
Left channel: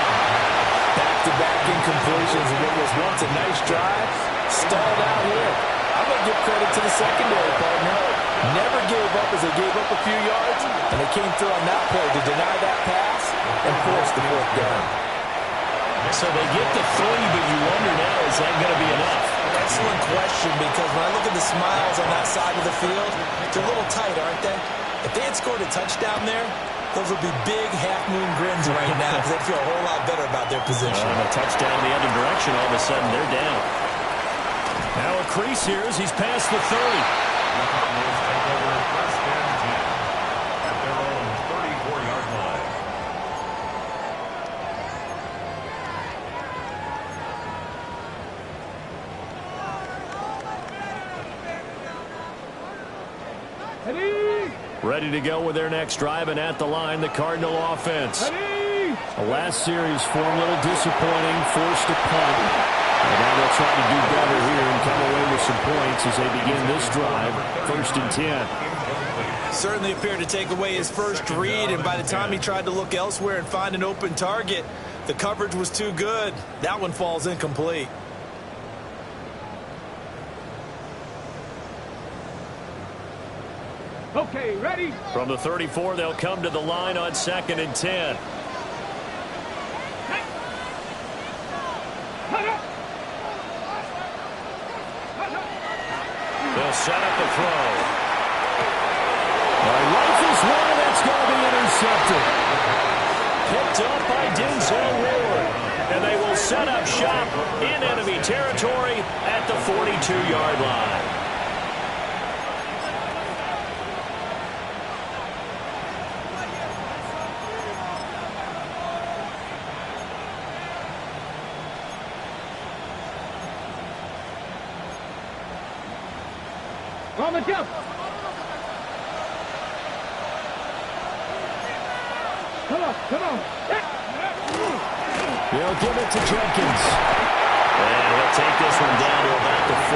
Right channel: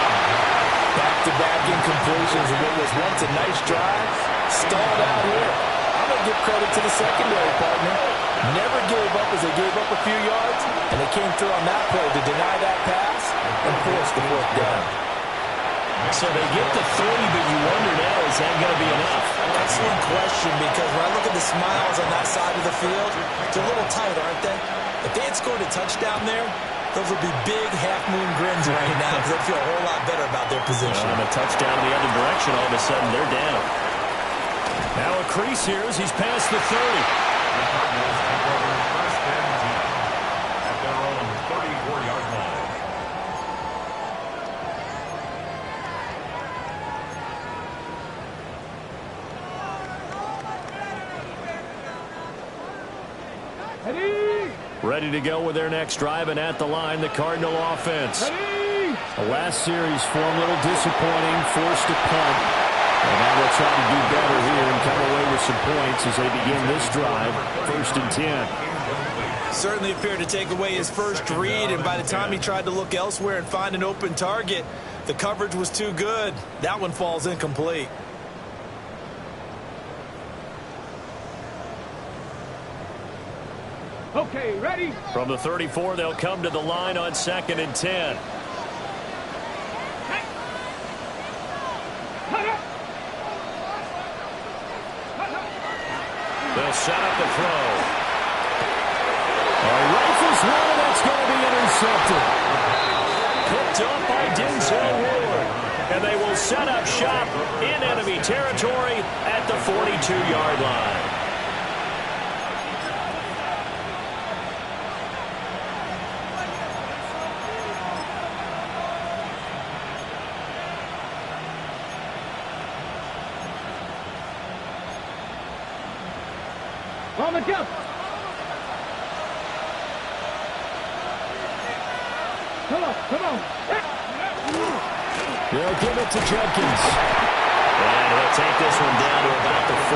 Back-to-back incompletions of what was once a nice drive. Stalled out here. I'm going to give credit to the secondary partner. Never gave up as they gave up a few yards, and they came through on that play to deny that pass and force the 4th down. So they get the 3, but you wonder now, is that going to be enough? Excellent question, because when I look at the smiles on that side of the field, they're a little tight, aren't they? If they had scored a touchdown there, those would be big half-moon grins right now because they'd feel a whole lot better about their position. And a touchdown in the other direction, all of a sudden they're down. Now a crease here as he's past the 30. The Cardinals take over 1st and 10 at their own 34-yard line. Ready to go with their next drive, and at the line, the Cardinal offense. The last series for them, a little disappointing, forced a punt. And now they'll try to do better here and come away with some points as they begin this drive, 1st and 10. Certainly appeared to take away his first read, and by the time he tried to look elsewhere and find an open target, the coverage was too good. That one falls incomplete. Okay, ready? From the 34, they'll come to the line on 2nd and 10. They'll set up the throw. All right, rifles one, and that's going to be intercepted. Picked up by Denzel Ward. And they will set up shop in enemy territory at the 42-yard line. On the jump. Come on, come on. They'll give it to Judkins. And he'll take this one down to about the 40.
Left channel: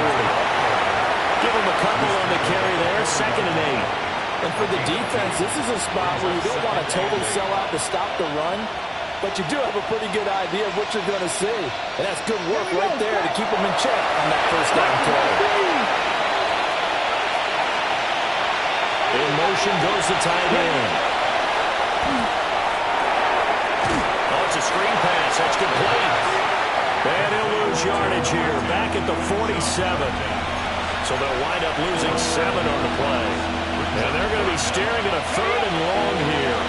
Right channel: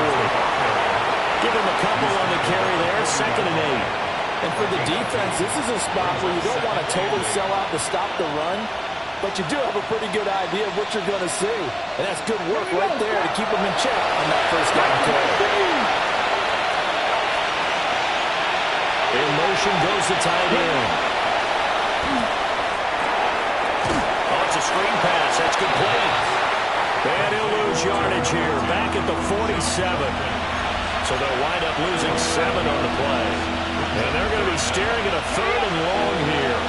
Give him a couple on the carry there, 2nd and 8. And for the defense, this is a spot where you don't want to totally sell out to stop the run, but you do have a pretty good idea of what you're going to see. And that's good work right there to keep them in check on that 1st down play. In motion goes the tight end. Oh, it's a screen pass. That's complete. And he'll lose yardage here. Back at the 47. So they'll wind up losing 7 on the play. And they're going to be staring at a 3rd and long here.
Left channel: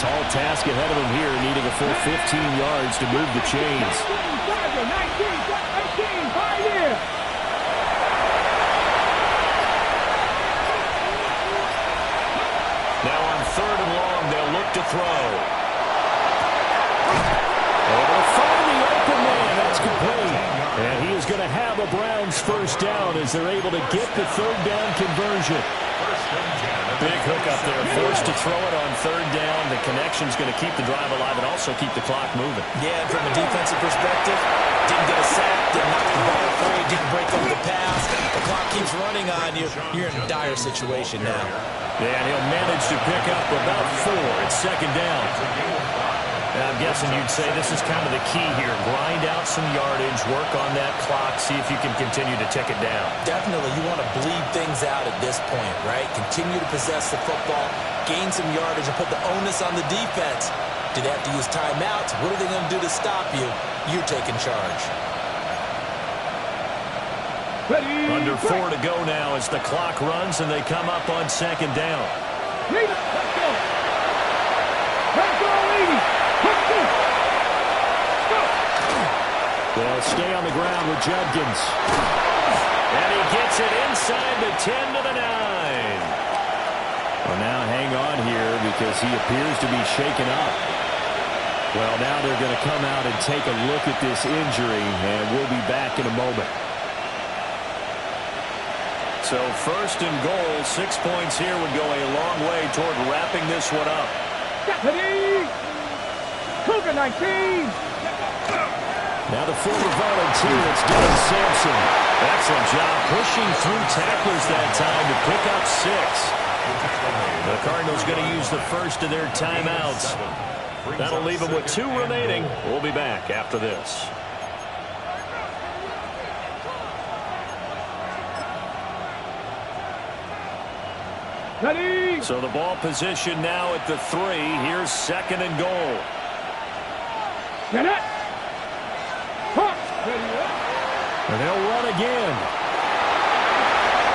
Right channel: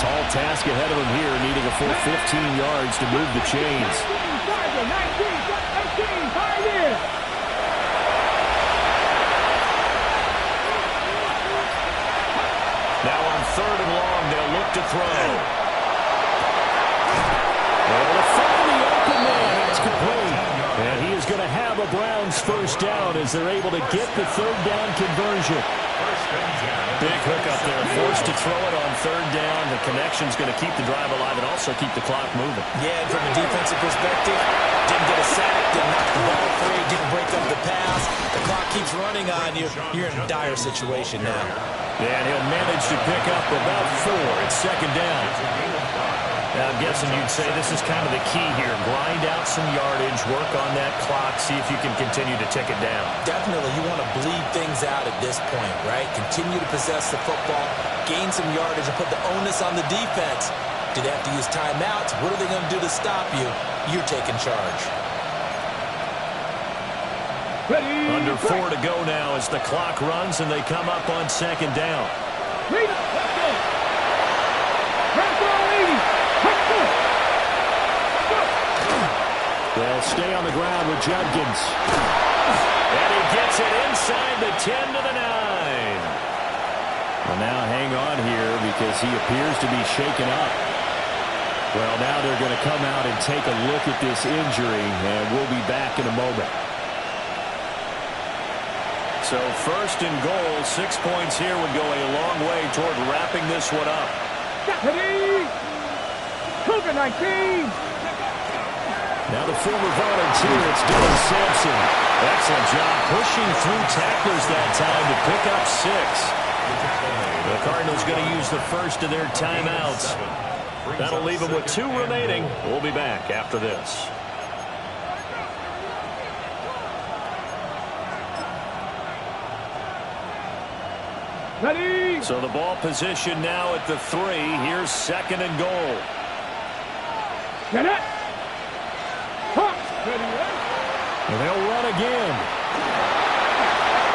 Tall task ahead of them here, needing a full 15 yards to move the chains. 19, 18, 5 years. Now on 3rd and long, they'll look to throw. Able to find the open man. That's complete. And he is going to have a Browns 1st down as they're able to get the 3rd down conversion. Big hook up there. Forced to throw it on 3rd down. The connection's going to keep the drive alive and also keep the clock moving. Yeah, and from a defensive perspective, didn't get a sack, didn't knock the ball free, didn't break up the pass. The clock keeps running on you. You're in a dire situation now. Yeah, and he'll manage to pick up about 4. It's 2nd down. Now, I'm guessing you'd say this is kind of the key here. Grind out some yardage, work on that clock, see if you can continue to tick it down. Definitely. You want to bleed things out at this point, right? Continue to possess the football, gain some yardage, and put the onus on the defense. Do they have to use timeouts? What are they going to do to stop you? You're taking charge. Ready. Under 4 to go now as the clock runs and they come up on 2nd down. Let's go. Let's go, lady. Let's go. Go. They'll stay on the ground with Judkins. And he gets it inside the 10 to the 9. Well, now hang on here because he appears to be shaken up. Well, now they're going to come out and take a look at this injury, and we'll be back in a moment. So first and goal, 6 points here would go a long way toward wrapping this one up. Deputy! Cougar 19! Now the former volunteer, it's Dylan Sampson. Excellent job pushing through tacklers that time to pick up 6. The Cardinals going to use the first of their timeouts. That'll leave them with 2 remaining. We'll be back after this. Ready? So the ball position now at the 3. Here's second and goal. Get it! Ready, and they'll run again.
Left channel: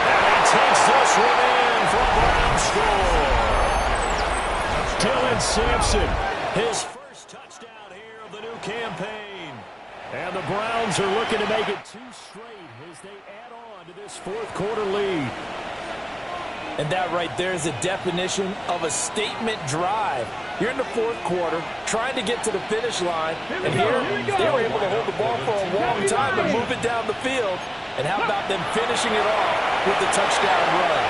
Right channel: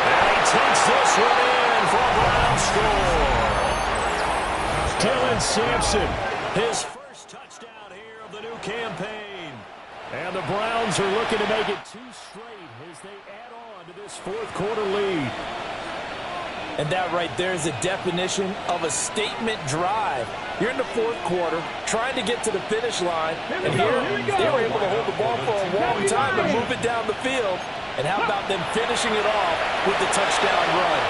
And he takes this one in for a Brown score. Dylan Sampson, his first touchdown here of the new campaign. And the Browns are looking to make it 2 straight as they add on to this fourth quarter lead. And that right there is a definition of a statement drive. You're in the fourth quarter, trying to get to the finish line, and here they were able to hold the ball for a long time and move it down the field. And how about them finishing it off with the touchdown run?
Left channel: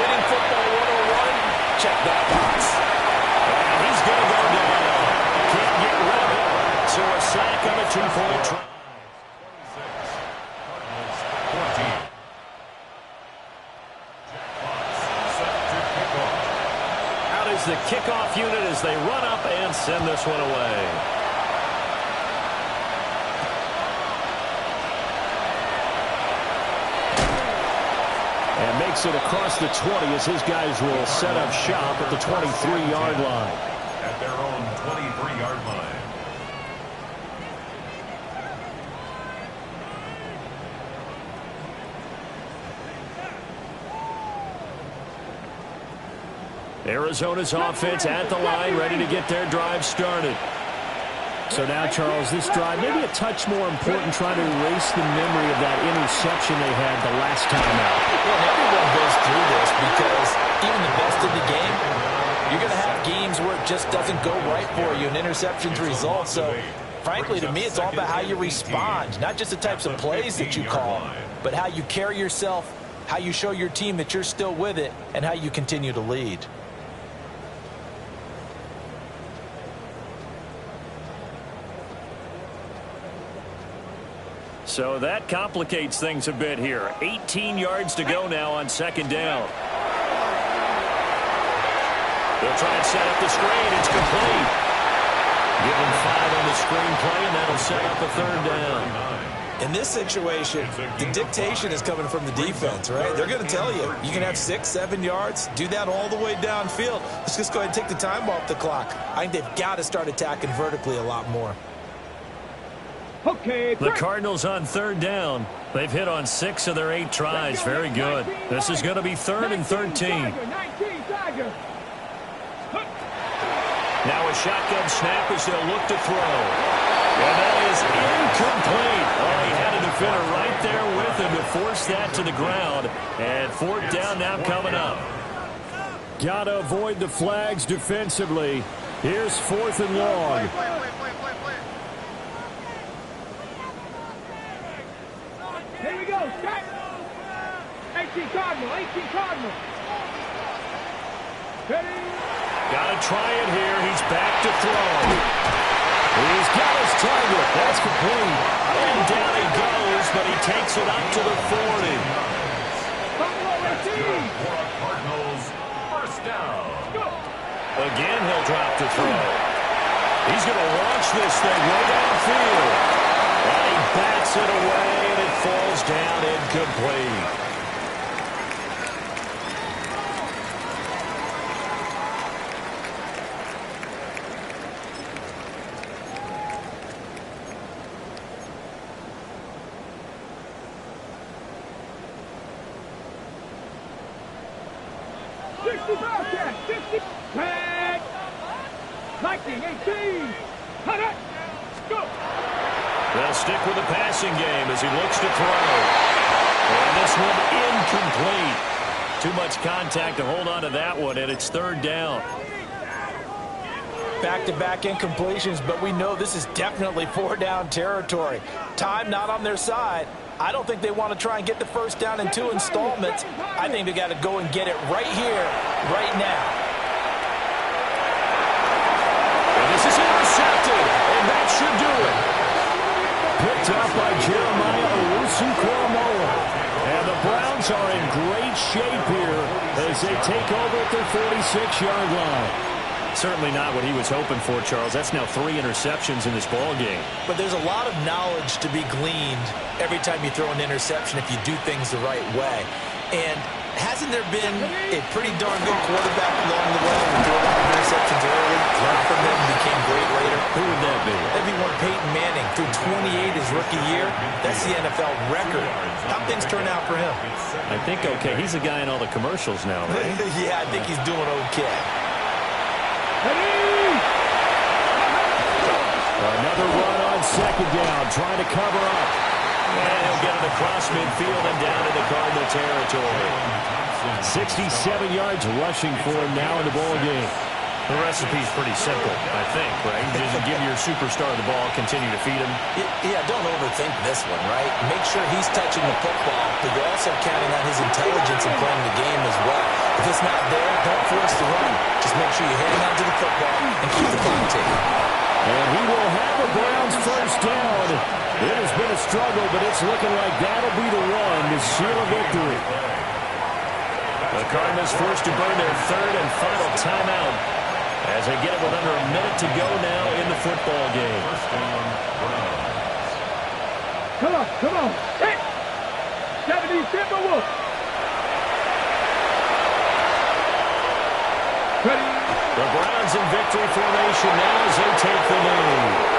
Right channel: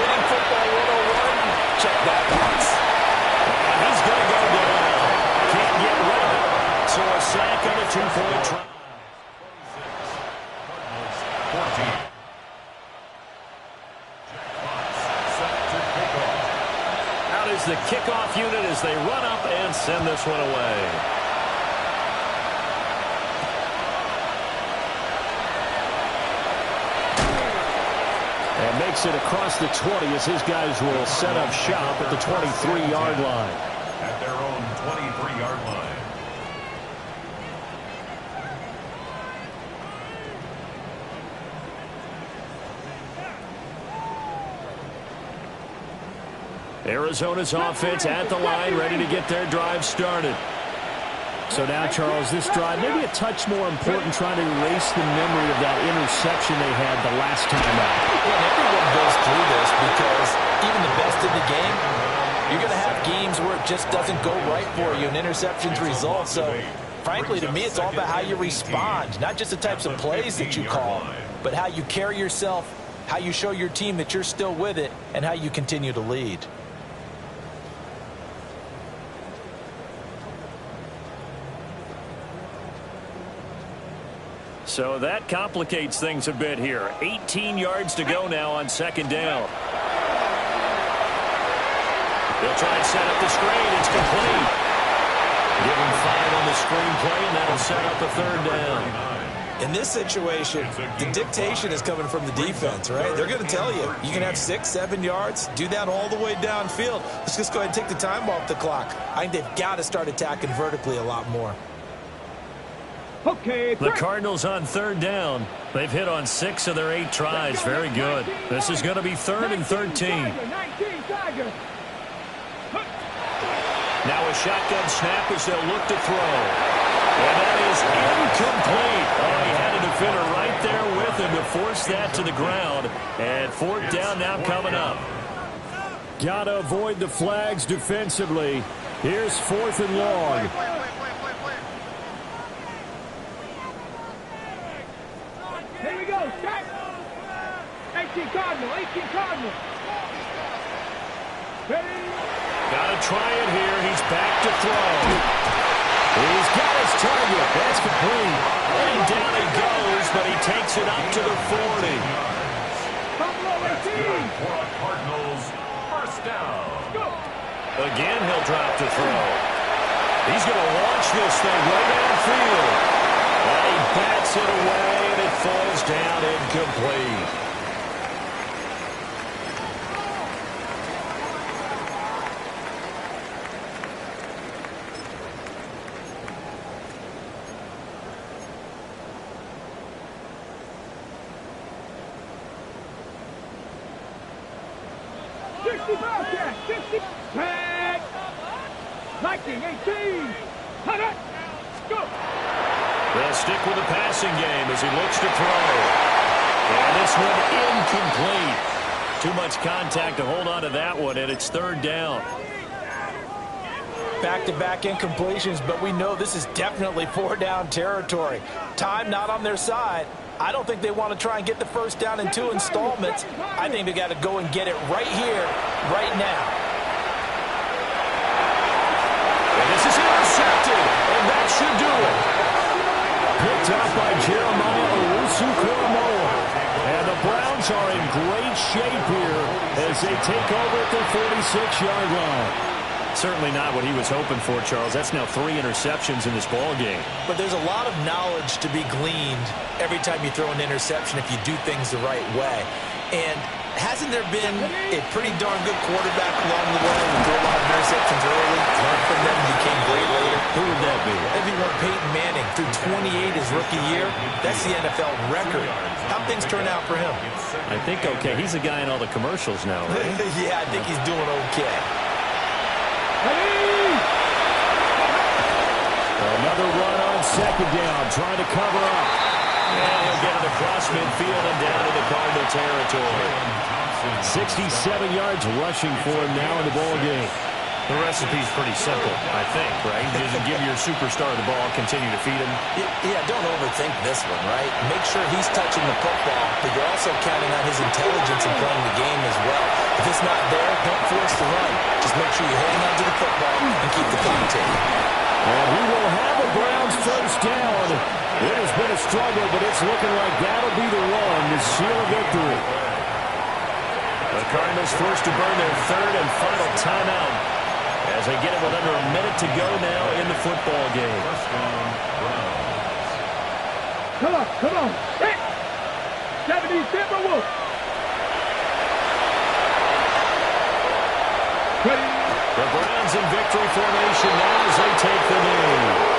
Winning football 101, check that box. And he's going to go down. Can't get rid of it. So a sack on a 2-point try. 26, Cardinals 14. Out is the kickoff unit as they run up and send this one away. And makes it across the 20 as his guys will set up shop at the 23-yard line. At their own 23-yard line. Arizona's offense at the line, ready to get their drive started. So now, Charles, this drive maybe a touch more important, trying to erase the memory of that interception they had the last time out. Yeah, and everyone goes through this because even the best in the game, you're going to have games where it just doesn't go right for you and interceptions result. So, frankly, to me, it's all about how you respond, not just the types of plays that you call, but how you carry yourself, how you show your team that you're still with it, and how you continue to lead. So that complicates things a bit here. 18 yards to go now on second down. They'll try and set up the screen. It's complete. Give them 5 on the screen play, and that'll set up a third down. In this situation, the dictation is coming from the defense, right? They're going to tell you, you can have 6, 7 yards, do that all the way downfield. Let's just go ahead and take the time off the clock. I think they've got to start attacking vertically a lot more. Okay, the Cardinals on third down. They've hit on 6 of their 8 tries. Very good. This is going to be 3rd and 13. Now a shotgun snap as they'll look to throw. And that is incomplete. Oh, he had a defender right there with him to force that to the ground. And 4th down now coming up. Got to avoid the flags defensively. Here's 4th and long. Here we go, set. 18 Cardinal, 18 Cardinal. Ready? Got to try it here. He's back to throw. He's got his target. That's complete. And down he goes, but he takes it up to the 40. That's good for a Cardinals first down. Again, he'll drop to throw. He's going to launch this thing way downfield. And he bats it away, and it falls down incomplete. They'll stick with the passing game as he looks to throw. And this one incomplete. Too much contact to hold on to that one, and it's third down. Back-to-back incompletions, but we know this is definitely four-down territory. Time not on their side. I don't think they want to try and get the first down in 2 installments. I think they got to go and get it right here, right now. And this is intercepted, and that should do it. Picked up by Jeremiah Owusu-Koramoah. And the Browns are in great shape here as they take over at their 46-yard line. Certainly not what he was hoping for, Charles. That's now 3 interceptions in this ball game. But there's a lot of knowledge to be gleaned every time you throw an interception if you do things the right way. And hasn't there been a pretty darn good quarterback along the way who threw a lot of interceptions early, learned from them, became great later? Who would that be? That'd be one Peyton Manning. Threw 28 his rookie year. That's the NFL record. How'd things turn out for him? I think okay. He's the guy in all the commercials now, right? Yeah, I think he's doing okay. Another run on second down, trying to cover up. And he'll get it across midfield and down into Cardinal territory. 67 yards rushing for him now in the ball game. The recipe's pretty simple, I think, right? Just give your superstar the ball, continue to feed him. Yeah, don't overthink this one, right? Make sure he's touching the football, but you're also counting on his intelligence in playing the game as well. If it's not there, don't force the run. Just make sure you hang on to the football and keep the clock ticking. And he will have a Browns first down. It has been a struggle, but it's looking like that'll be the one to seal a victory. The Cardinals forced to burn their third and final timeout as they get it with under a minute to go now in the football game. Come on. Hit. 70 Timberwolves. Ready. The Browns in victory formation now as they take the knee.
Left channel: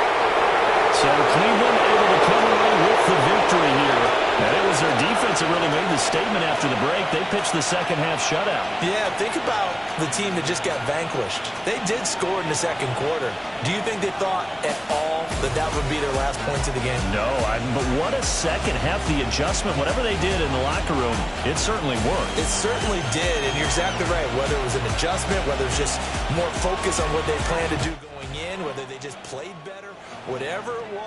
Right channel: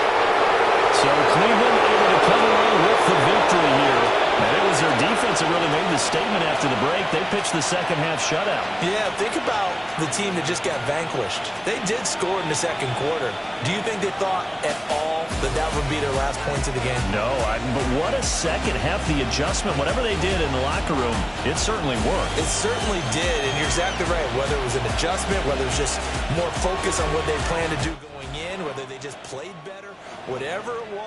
So Cleveland able to come away with the victory here. And it was their defense that really made the statement after the break. They pitched the second half shutout. Yeah, think about the team that just got vanquished. They did score in the second quarter. Do you think they thought at all that that would be their last points of the game? No, but what a second half. The adjustment, whatever they did in the locker room, it certainly worked. It certainly did, and you're exactly right. Whether it was an adjustment, whether it was just more focus on what they planned to do going in, whether they just played better, whatever it was.